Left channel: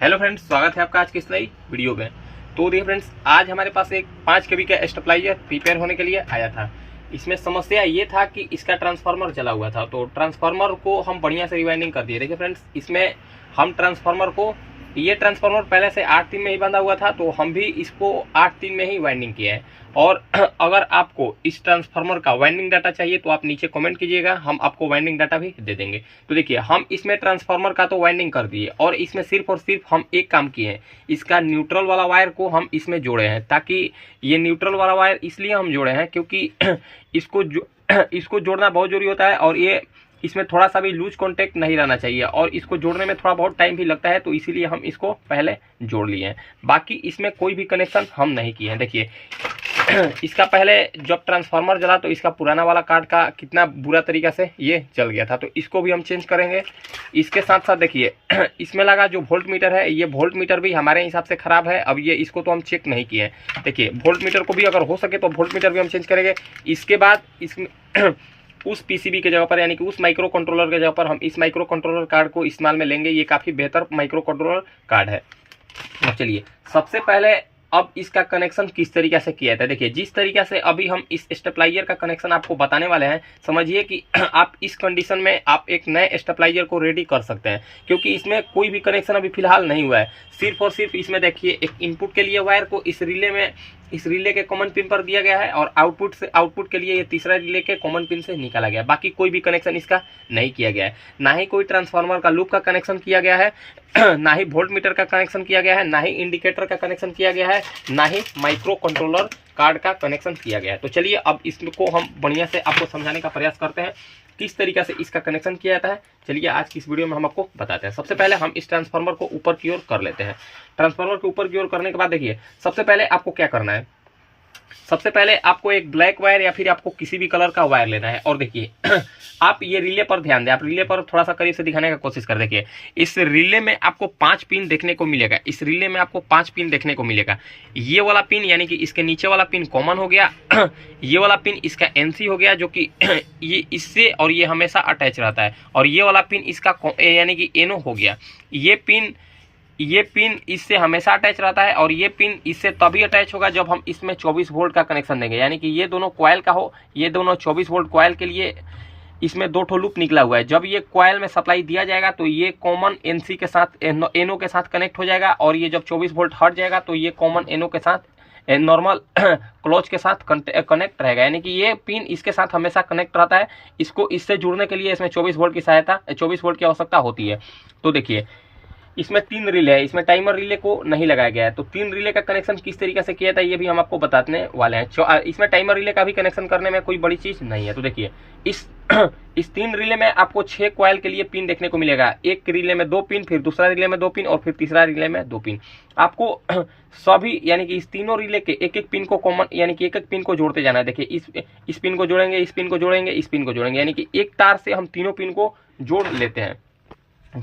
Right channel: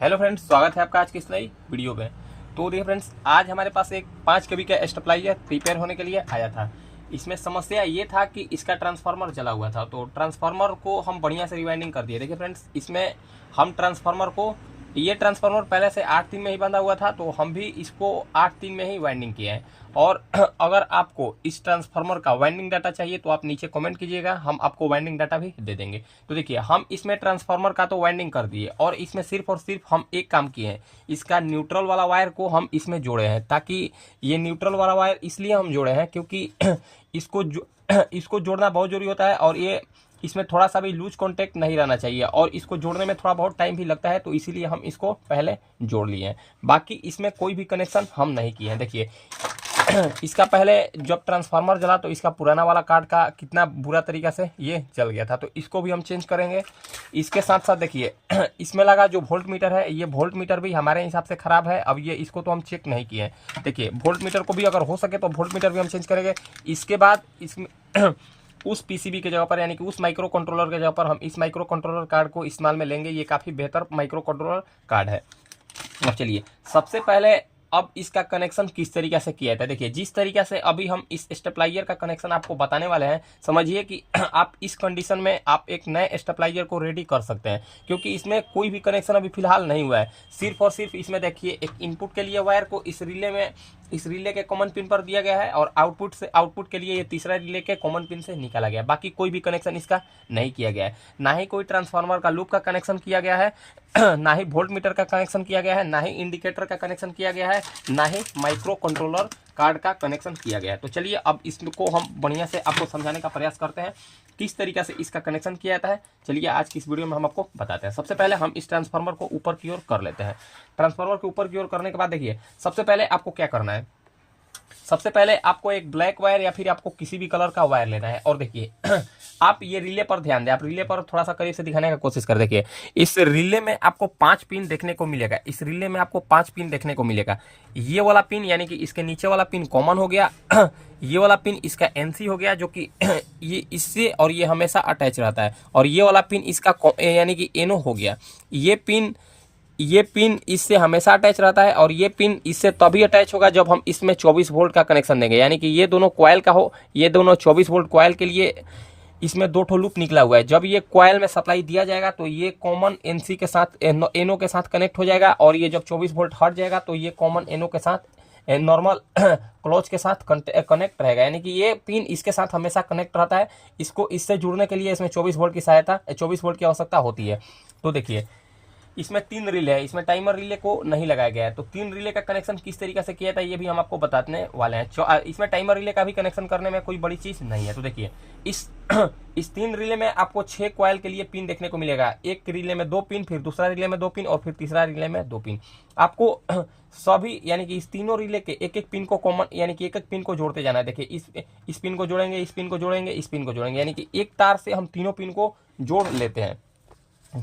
Hello friends, स्वागत है आपका आज की इस नई वीडियो में। तो देखिए फ्रेंड्स, आज हमारे पास एक 5 kV का स्टेबलाइजर प्रिपेयर होने के लिए आया था। इसमें समस्या ये था कि इसका ट्रांसफार्मर जला हुआ था, तो ट्रांसफार्मर को हम बढ़िया से रिवाइंडिंग कर दिए। देखिए फ्रेंड्स, इसमें हम ट्रांसफार्मर को, ये ट्रांसफार्मर पहले से 8-3 में ही बंधा हुआ था, तो हम भी इसको 8-3 में ही वाइंडिंग किया है। और अगर आपको इस ट्रांसफार्मर का वाइंडिंग डाटा चाहिए तो आप नीचे कमेंट कीजिएगा, हम आपको वाइंडिंग डाटा भी दे देंगे। तो देखिए, हम इसमें ट्रांसफार्मर का तो वाइंडिंग कर दिए और इसमें सिर्फ और सिर्फ हम एक काम किए हैं, इसका न्यूट्रल वाला वायर को हम इसमें जोड़े हैं। ताकि ये न्यूट्रल वाला वायर इसलिए हम जोड़े हैं क्योंकि इसको जोड़ना बहुत जरूरी होता है और ये इसमें थोड़ा सा भी लूज कांटेक्ट नहीं रहना चाहिए और इसको जोड़ने में थोड़ा बहुत टाइम भी लगता है, तो इसीलिए हम इसको पहले जोड़ लिए हैं। बाकी इसमें कोई भी कनेक्शन हम नहीं किए हैं। देखिए, इसका पहले जब ट्रांसफार्मर जला तो इसका पुराना वाला कार्ड का कितना बुरा तरीका से ये जल गया था, तो इसको भी हम चेंज करेंगे। इसके साथ साथ देखिए, इसमें लगा जो वोल्ट मीटर है, ये वोल्ट मीटर भी हमारे हिसाब से खराब है। अब ये इसको तो हम चेक नहीं किए हैं। देखिए, वोल्ट मीटर को भी अगर हो सके तो वोल्ट मीटर भी हम चेंज करेंगे। इसके बाद इसमें उस पीसीबी के जगह पर, यानी कि उस माइक्रो कंट्रोलर के जगह पर हम इस माइक्रो कंट्रोलर कार्ड को इस्तेमाल में लेंगे। ये काफ़ी बेहतर माइक्रो कंट्रोलर कार्ड है। अब चलिए, सबसे पहले अब इसका कनेक्शन किस तरीके से किया था। देखिए, जिस तरीके से अभी हम इस स्टेबलाइजर का कनेक्शन आपको बताने वाले हैं, समझिए कि आप इस कंडीशन में आप एक नए स्टेबलाइजर को रेडी कर सकते हैं, क्योंकि इसमें कोई भी कनेक्शन अभी फिलहाल नहीं हुआ है। सिर्फ और सिर्फ इसमें देखिए, एक इनपुट के लिए वायर को इस रिले के कॉमन पिन पर दिया गया है और आउटपुट के लिए ये तीसरा रिले के कॉमन पिन से निकाला गया है। बाकी कोई भी कनेक्शन इसका नहीं किया गया है। ना ही कोई ट्रांसफार्मर का लूप का कनेक्शन किया गया है, ना ही वोल्ट मीटर का कनेक्शन किया गया है, ना ही इंडिकेटर का कनेक्शन किया गया है, ना ही माइक्रो कंट्रोलर कार्ड का कनेक्शन किया गया है। तो चलिए, अब इसको हम बढ़िया से आपको समझाने का प्रयास करते हैं किस तरीके से इसका कनेक्शन किया जाता है। चलिए, आज की इस वीडियो में हम आपको बताते हैं। सबसे पहले हम इस ट्रांसफार्मर को ऊपर की ओर कर लेते हैं। ट्रांसफार्मर को ऊपर की ओर करने के बाद देखिए, सबसे पहले आपको क्या करना है। सबसे पहले आपको एक ब्लैक वायर या फिर आपको किसी भी कलर का वायर लेना है। और देखिए, आप ये रिले पर ध्यान दें। आप रिले पर थोड़ा सा करीब से दिखाने का कोशिश कर। देखिए, इस रिले में आपको 5 पिन देखने को मिलेगा। इस रिले में आपको 5 पिन देखने को मिलेगा। ये वाला पिन, यानी कि इसके नीचे वाला पिन कॉमन हो गया। ये वाला पिन इसका एनसी हो गया, जो कि ये इससे और ये हमेशा अटैच रहता है। और ये वाला पिन इसका यानी कि एनो हो गया। ये पिन इससे हमेशा अटैच रहता है और ये पिन इससे तभी अटैच होगा जब हम इसमें 24 वोल्ट का कनेक्शन देंगे, यानी कि ये दोनों कॉइल का हो। ये दोनों 24 वोल्ट कॉइल के लिए इसमें 2 ठो लूप निकला हुआ है। जब ये कॉइल में सप्लाई दिया जाएगा तो ये कॉमन एनसी के साथ, एनो के साथ कनेक्ट हो जाएगा। और ये जब 24 वोल्ट हट जाएगा तो ये कॉमन एनो के साथ, नॉर्मल क्लोज के साथ कनेक्ट रहेगा, यानी कि ये पिन इसके साथ हमेशा कनेक्ट रहता है। इसको इससे जुड़ने के लिए इसमें 24 वोल्ट की आवश्यकता होती है। तो देखिए, इसमें 3 रिले है। इसमें टाइमर रिले को नहीं लगाया गया है। तो 3 रिले का कनेक्शन किस तरीके से किया था ये भी हम आपको बताने वाले हैं। इसमें टाइमर रिले का भी कनेक्शन करने में कोई बड़ी चीज नहीं है। तो देखिए, इस 3 रिले में आपको 6 कॉइल के लिए पिन देखने को मिलेगा। एक रिले में 2 पिन, फिर दूसरा रिले में 2 पिन और फिर तीसरा रिले में 2 पिन। आपको सभी, यानी कि इस तीनों रिले के एक एक पिन को कॉमन, यानी कि एक पिन को जोड़ते जाना है। देखिए, इस पिन को जोड़ेंगे, इस पिन को जोड़ेंगे, इस पिन को जोड़ेंगे, यानी कि एक तार से हम तीनों पिन को जोड़ लेते हैं।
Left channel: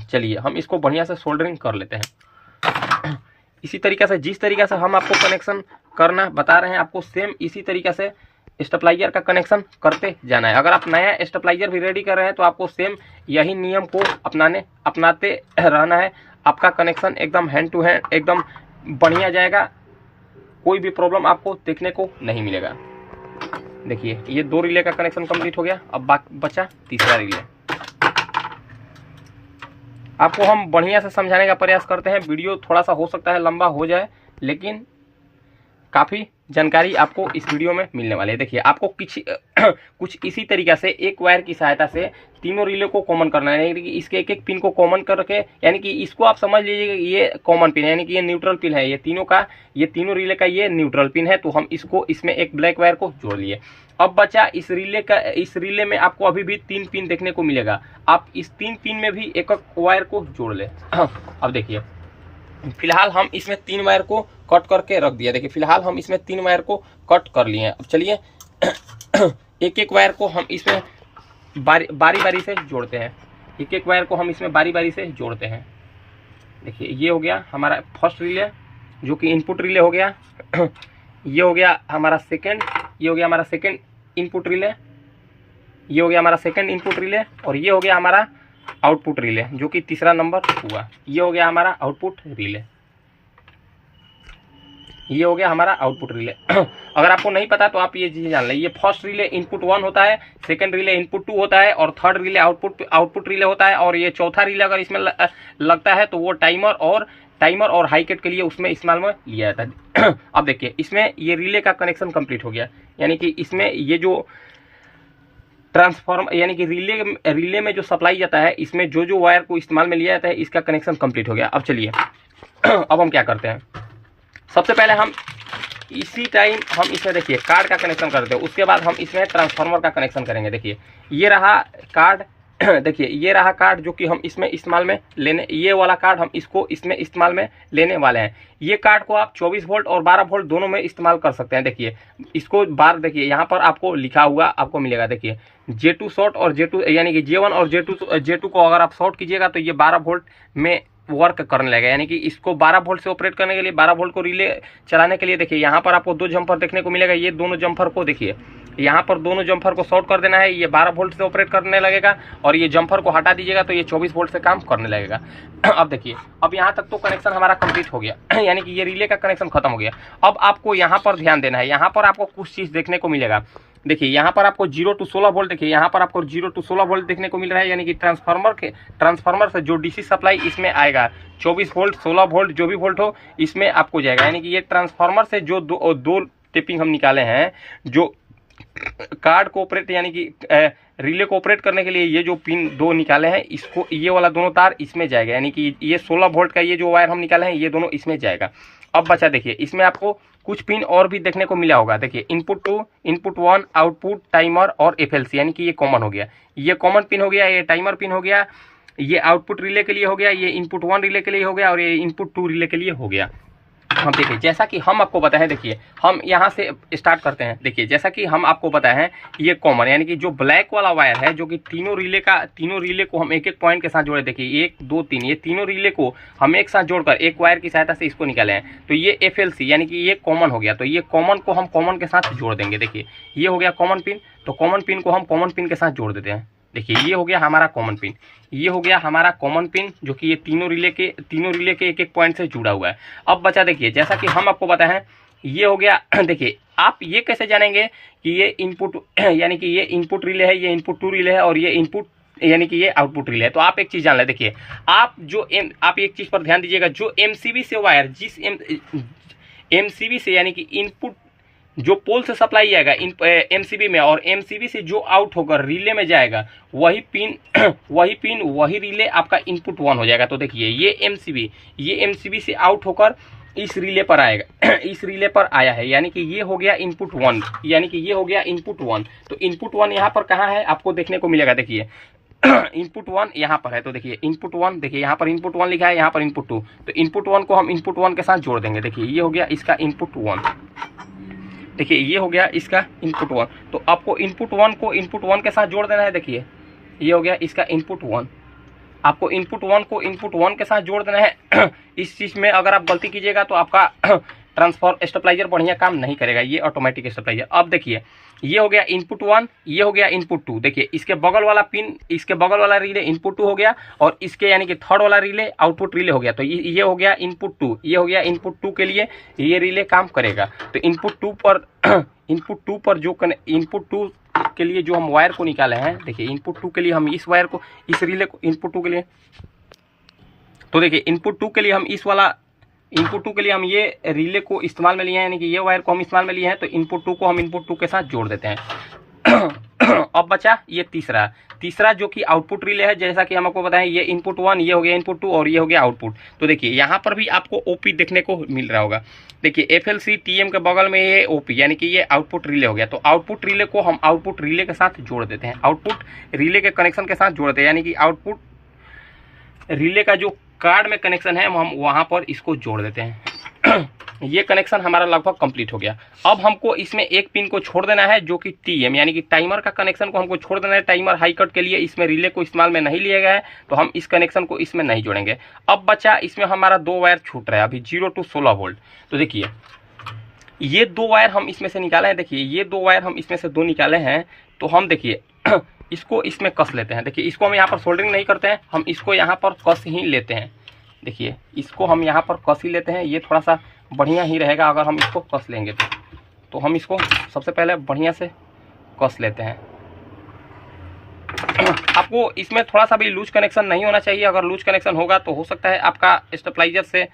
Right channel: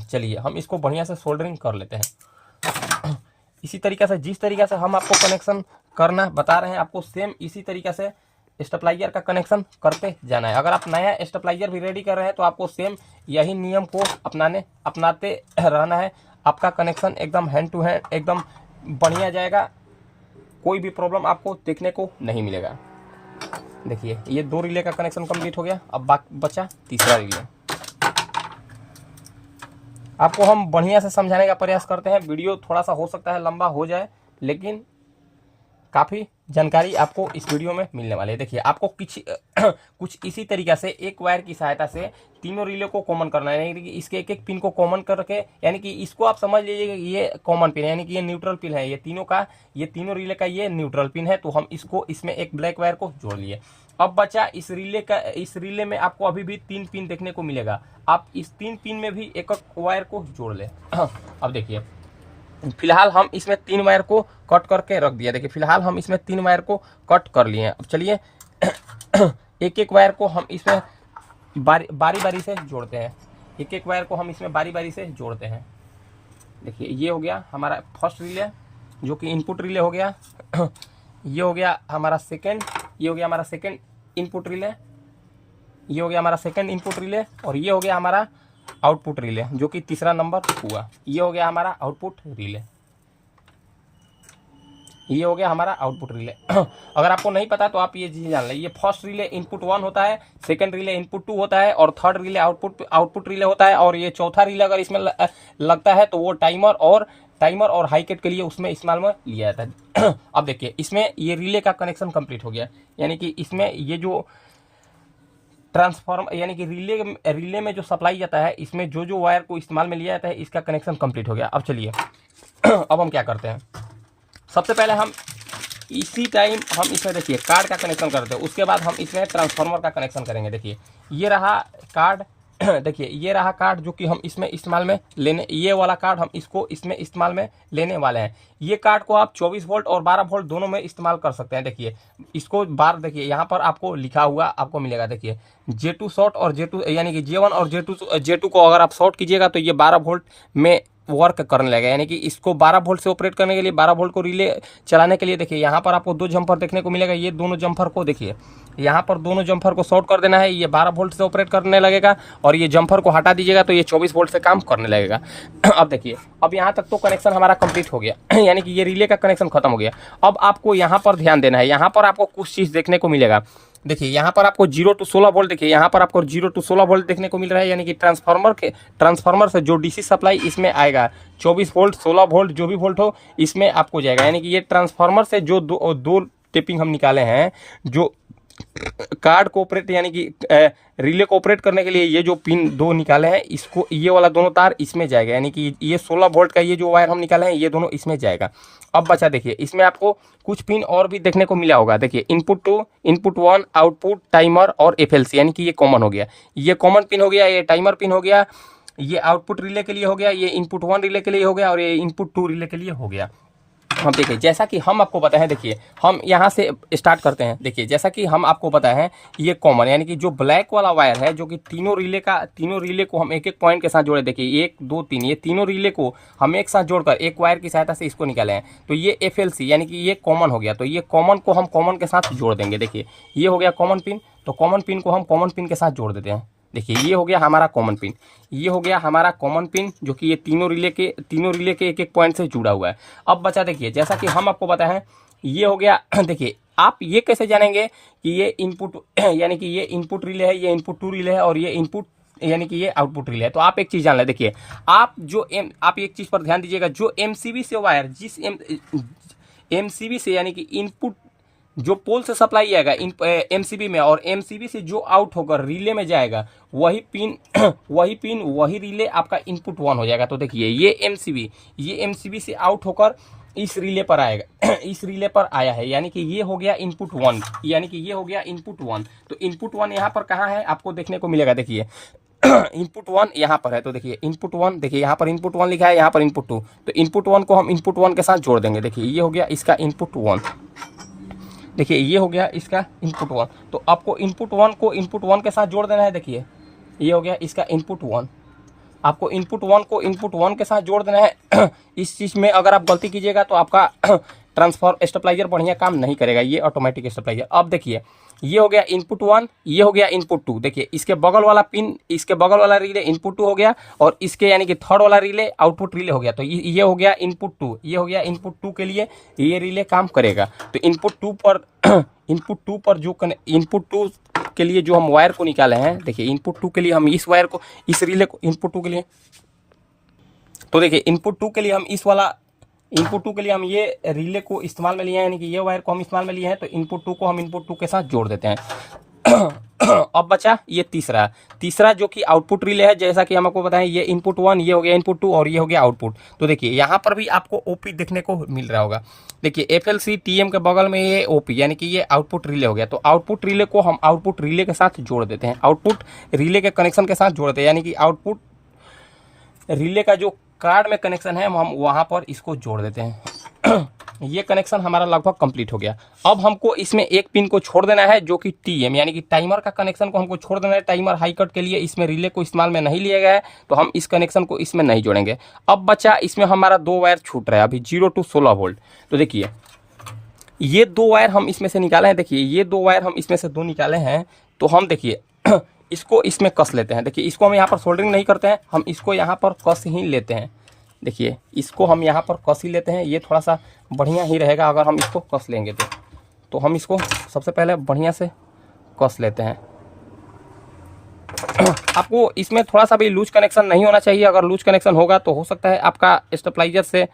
चलिए, हम इसको बढ़िया से सोल्डरिंग कर लेते हैं। इसी तरीके से, जिस तरीके से हम आपको कनेक्शन करना बता रहे हैं, आपको सेम इसी तरीके से स्टेबलाइजर का कनेक्शन करते जाना है। अगर आप नया स्टेबलाइजर भी रेडी कर रहे हैं तो आपको सेम यही नियम को अपनाते रहना है। आपका कनेक्शन एकदम हैंड टू हैंड एकदम बढ़िया जाएगा। कोई भी प्रॉब्लम आपको देखने को नहीं मिलेगा। देखिए, ये 2 रिले का कनेक्शन कंप्लीट हो गया। अब बचा तीसरा रिले। आपको हम बढ़िया से समझाने का प्रयास करते हैं। वीडियो थोड़ा सा हो सकता है लंबा हो जाए, लेकिन काफ़ी जानकारी आपको इस वीडियो में मिलने वाली है। देखिए, आपको कुछ इसी तरीके से एक वायर की सहायता से तीनों रिले को कॉमन करना है। यानी कि इसके एक एक पिन को कॉमन करके, यानी कि इसको आप समझ लीजिए कि ये कॉमन पिन है, यानी कि ये न्यूट्रल पिन है। ये तीनों रिले का ये न्यूट्रल पिन है। तो हम इसको इसमें एक ब्लैक वायर को जोड़ लिए। अब बचा इस रिले में आपको अभी भी 3 पिन देखने को मिलेगा। आप इस 3 पिन में भी एक एक वायर को जोड़ ले। अब देखिए, फिलहाल हम इसमें 3 वायर को कट करके रख दिया। देखिए, फिलहाल हम इसमें 3 वायर को कट कर लिए हैं। अब चलिए, एक एक वायर को हम इसमें बारी बारी से जोड़ते हैं। एक एक वायर को हम इसमें बारी बारी से जोड़ते हैं। देखिए, ये हो गया हमारा फर्स्ट रिले, जो कि इनपुट रिले हो गया। ये हो गया हमारा सेकेंड इनपुट रिले। ये हो गया हमारा सेकेंड इनपुट रिले। और ये हो गया हमारा आउटपुट रिले, जो कि तीसरा नंबर हुआ। ये हो गया हमारा आउटपुट रिले, ये हो गया हमारा आउटपुट रिले। अगर आपको नहीं पता तो आप ये चीज़ जान लें। ये फर्स्ट रिले इनपुट 1 होता है, सेकंड रिले इनपुट 2 होता है, और थर्ड रिले आउटपुट रिले होता है, और ये चौथा रिले अगर इसमें लगता है तो वो टाइमर और हाईकेट के लिए उसमें इस्तेमाल में लिया जाता है। अब देखिए इसमें ये रिले का कनेक्शन कंप्लीट हो गया, यानी कि इसमें ये जो ट्रांसफॉर्म यानी कि रिले में जो सप्लाई जाता है, इसमें जो वायर को इस्तेमाल में लिया जाता है, इसका कनेक्शन कंप्लीट हो गया। अब चलिए अब हम क्या करते हैं, सबसे पहले हम इसी टाइम हम इसमें देखिए कार्ड का कनेक्शन करते हैं, उसके बाद हम इसमें ट्रांसफार्मर का कनेक्शन करेंगे। देखिए ये रहा कार्ड, देखिए ये रहा कार्ड जो कि हम इसमें इस्तेमाल में लेने, ये वाला कार्ड हम इसको इसमें इस्तेमाल में लेने वाले हैं। ये कार्ड को आप 24 वोल्ट और 12 वोल्ट दोनों में इस्तेमाल कर सकते हैं। देखिए इसको बार देखिए यहाँ पर आपको लिखा हुआ आपको मिलेगा, देखिए J2 शॉर्ट और J2 यानी कि J1 और J2 को अगर आप शॉर्ट कीजिएगा तो ये 12 वोल्ट में वर्क करने लगेगा, यानी कि इसको 12 वोल्ट से ऑपरेट करने के लिए, 12 वोल्ट को रिले चलाने के लिए देखिए यहाँ पर आपको 2 जम्पर देखने को मिलेगा। ये दोनों जम्पर को देखिए, यहाँ पर दोनों जम्पर को शॉर्ट कर देना है, ये 12 वोल्ट से ऑपरेट करने लगेगा, और ये जम्पर को हटा दीजिएगा तो ये 24 वोल्ट से काम करने लगेगा। अब देखिए अब यहाँ तक तो कनेक्शन हमारा कंप्लीट हो गया, यानी कि ये रिले का कनेक्शन खत्म हो गया। अब आपको यहाँ पर ध्यान देना है, यहाँ पर आपको कुछ चीज़ देखने को मिलेगा। देखिए यहाँ पर आपको 0 to 16 वोल्ट, देखिए यहाँ पर आपको 0 to 16 वोल्ट देखने को मिल रहा है, यानी कि ट्रांसफार्मर से जो डीसी सप्लाई इसमें आएगा 24 वोल्ट 16 वोल्ट जो भी वोल्ट हो इसमें आपको जाएगा। यानी कि ये ट्रांसफार्मर से जो दो टेपिंग हम निकाले हैं, जो कार्ड को ऑपरेट यानी कि रिले को ऑपरेट करने के लिए ये जो पिन 2 निकाले हैं, इसको ये वाला दोनों तार इसमें जाएगा, यानी कि ये 16 वोल्ट का ये जो वायर हम निकाले हैं ये दोनों इसमें जाएगा। अब बचा देखिए इसमें आपको कुछ पिन और भी देखने को मिला होगा। देखिए इनपुट 2, इनपुट 1, आउटपुट, टाइमर और FLC, यानी कि ये कॉमन हो गया, ये कॉमन पिन हो गया, ये टाइमर पिन हो गया, ये आउटपुट रिले के लिए हो गया, ये इनपुट 1 रिले के लिए हो गया, और ये इनपुट 2 रिले के लिए हो गया। हम देखिए जैसा कि हम आपको बताए हैं, देखिए हम यहाँ से स्टार्ट करते हैं। देखिए जैसा कि हम आपको बताए हैं, ये कॉमन यानी कि जो ब्लैक वाला वायर है, जो कि तीनों रिले को हम एक एक पॉइंट के साथ जोड़े। देखिए 1 2 3 ये तीनों रिले को हम एक साथ जोड़कर एक वायर की सहायता से इसको निकाले हैं, तो ये FLC यानी कि ये कॉमन हो गया। तो ये कॉमन को हम कॉमन के साथ जोड़ देंगे। देखिए ये हो गया कॉमन पिन, तो कॉमन पिन को हम कॉमन पिन के साथ जोड़ देते हैं। देखिए ये हो गया हमारा कॉमन पिन, ये हो गया हमारा कॉमन पिन, जो कि ये तीनों रिले के एक एक पॉइंट से जुड़ा हुआ है। अब बचा देखिए जैसा कि हम आपको बताए हैं, ये हो गया। देखिए आप ये कैसे जानेंगे कि ये इनपुट यानी कि ये इनपुट रिले है, ये इनपुट 2 रिले है, और ये इनपुट यानी कि ये आउटपुट रिले है। तो आप एक चीज़ जान लें, देखिए आप एक चीज़ पर ध्यान दीजिएगा, जो MCB से वायर जिस MCB से यानी कि इनपुट जो पोल से सप्लाई आएगा MCB में, और MCB से जो आउट होकर रिले में जाएगा, वही पिन वही रिले आपका इनपुट 1 हो जाएगा। तो देखिए ये MCB से आउट होकर इस रिले पर आएगा, इस रिले पर आया है, यानी कि ये हो गया इनपुट 1, यानी कि ये हो गया इनपुट 1। तो इनपुट 1 यहाँ पर कहाँ है आपको देखने को मिलेगा। देखिए इनपुट 1 यहाँ पर है, तो देखिए इनपुट 1, देखिए यहाँ पर इनपुट 1 लिखा है, यहाँ पर इनपुट 2, तो इनपुट 1 को हम इनपुट 1 के साथ जोड़ देंगे। देखिए ये हो गया इसका इनपुट 1, देखिए ये हो गया इसका इनपुट 1। तो आपको इनपुट 1 को इनपुट 1 के साथ जोड़ देना है। देखिए ये हो गया इसका इनपुट 1, आपको इनपुट 1 को इनपुट 1 के साथ जोड़ देना है। इस चीज़ में अगर आप गलती कीजिएगा तो आपका स्टेबलाइजर बढ़िया काम नहीं करेगा, ये ऑटोमेटिक स्टेबलाइजर। अब देखिए ये हो गया इनपुट 1, ये हो गया इनपुट 2। देखिए इसके बगल वाला पिन, इसके बगल वाला रिले इनपुट 2 हो गया, और इसके यानी कि थर्ड वाला रिले आउटपुट रिले हो गया। तो ये हो गया इनपुट 2, ये हो गया इनपुट 2 के लिए ये रिले काम करेगा। तो इनपुट 2 पर जो इनपुट 2 के लिए जो हम वायर को निकाले हैं, देखिए इनपुट 2 के लिए हम इस वायर को, इस रिले को इनपुट 2 के लिए, तो देखिए इनपुट 2 के लिए हम इनपुट 2 के लिए हम ये रिले को इस्तेमाल में लिए हैं, यानी कि ये वायर को हम इस्तेमाल में लिए हैं। तो इनपुट 2 को हम इनपुट 2 के साथ जोड़ देते हैं। अब बचा ये तीसरा जो कि आउटपुट रिले है, जैसा कि हम आपको बताएं, ये इनपुट 1, ये हो गया इनपुट 2, और ये हो गया आउटपुट। तो देखिए यहाँ पर भी आपको OP देखने को मिल रहा होगा। देखिए FLC TM के बगल में ये OP यानी कि ये आउटपुट रिले हो गया। तो आउटपुट रिले को हम आउटपुट रिले के साथ जोड़ देते हैं, आउटपुट रिले के कनेक्शन के साथ जोड़ते हैं, यानी कि आउटपुट रिले का जो कार्ड में कनेक्शन है हम वहाँ पर इसको जोड़ देते हैं। ये कनेक्शन हमारा लगभग कंप्लीट हो गया। अब हमको इसमें एक पिन को छोड़ देना है, जो कि TM यानी कि टाइमर का कनेक्शन को हमको छोड़ देना है। टाइमर हाई कट के लिए इसमें रिले को इस्तेमाल में नहीं लिया गया है, तो हम इस कनेक्शन को इसमें नहीं जोड़ेंगे। अब बचा इसमें हमारा 2 वायर छूट रहा है अभी, 0 to 16 वोल्ट। तो देखिए ये 2 वायर हम इसमें से निकाले हैं, देखिए ये 2 वायर हम इसमें से 2 निकाले हैं। तो हम देखिए इसको इसमें कस लेते हैं। देखिए इसको हम यहाँ पर सोल्डरिंग नहीं करते हैं, हम इसको यहाँ पर कस ही लेते हैं। देखिए इसको हम यहाँ पर कस ही लेते हैं, ये थोड़ा सा बढ़िया ही रहेगा अगर हम इसको कस लेंगे तो हम इसको सबसे पहले बढ़िया से कस लेते हैं। आपको इसमें थोड़ा सा भी लूज कनेक्शन नहीं होना चाहिए, अगर लूज कनेक्शन होगा तो हो सकता है आपका स्टेबलाइजर से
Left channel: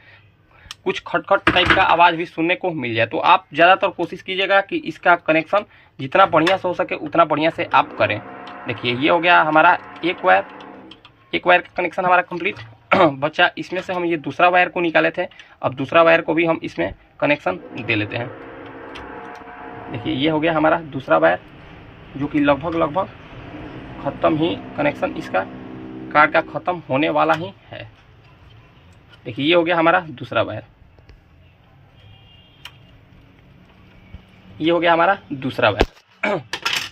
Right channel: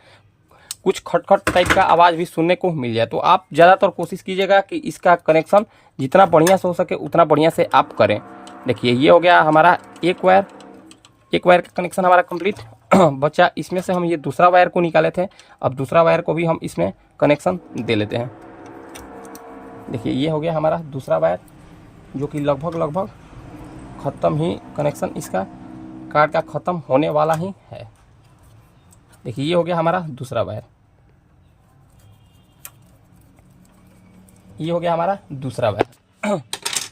कुछ खटखट टाइप का आवाज़ भी सुनने को मिल जाए। तो आप ज़्यादातर कोशिश कीजिएगा कि इसका कनेक्शन जितना बढ़िया से हो सके उतना बढ़िया से आप करें। देखिए ये हो गया हमारा एक वायर का कनेक्शन हमारा कंप्लीट। बच्चा इसमें से हम ये दूसरा वायर को निकाले थे, अब दूसरा वायर को भी हम इसमें कनेक्शन दे लेते हैं। देखिए ये हो गया हमारा दूसरा वायर, जो कि लगभग ख़त्म ही कनेक्शन इसका कार्ड का ख़त्म होने वाला ही है। देखिए ये हो गया हमारा दूसरा वायर, ये हो गया हमारा दूसरा वायर,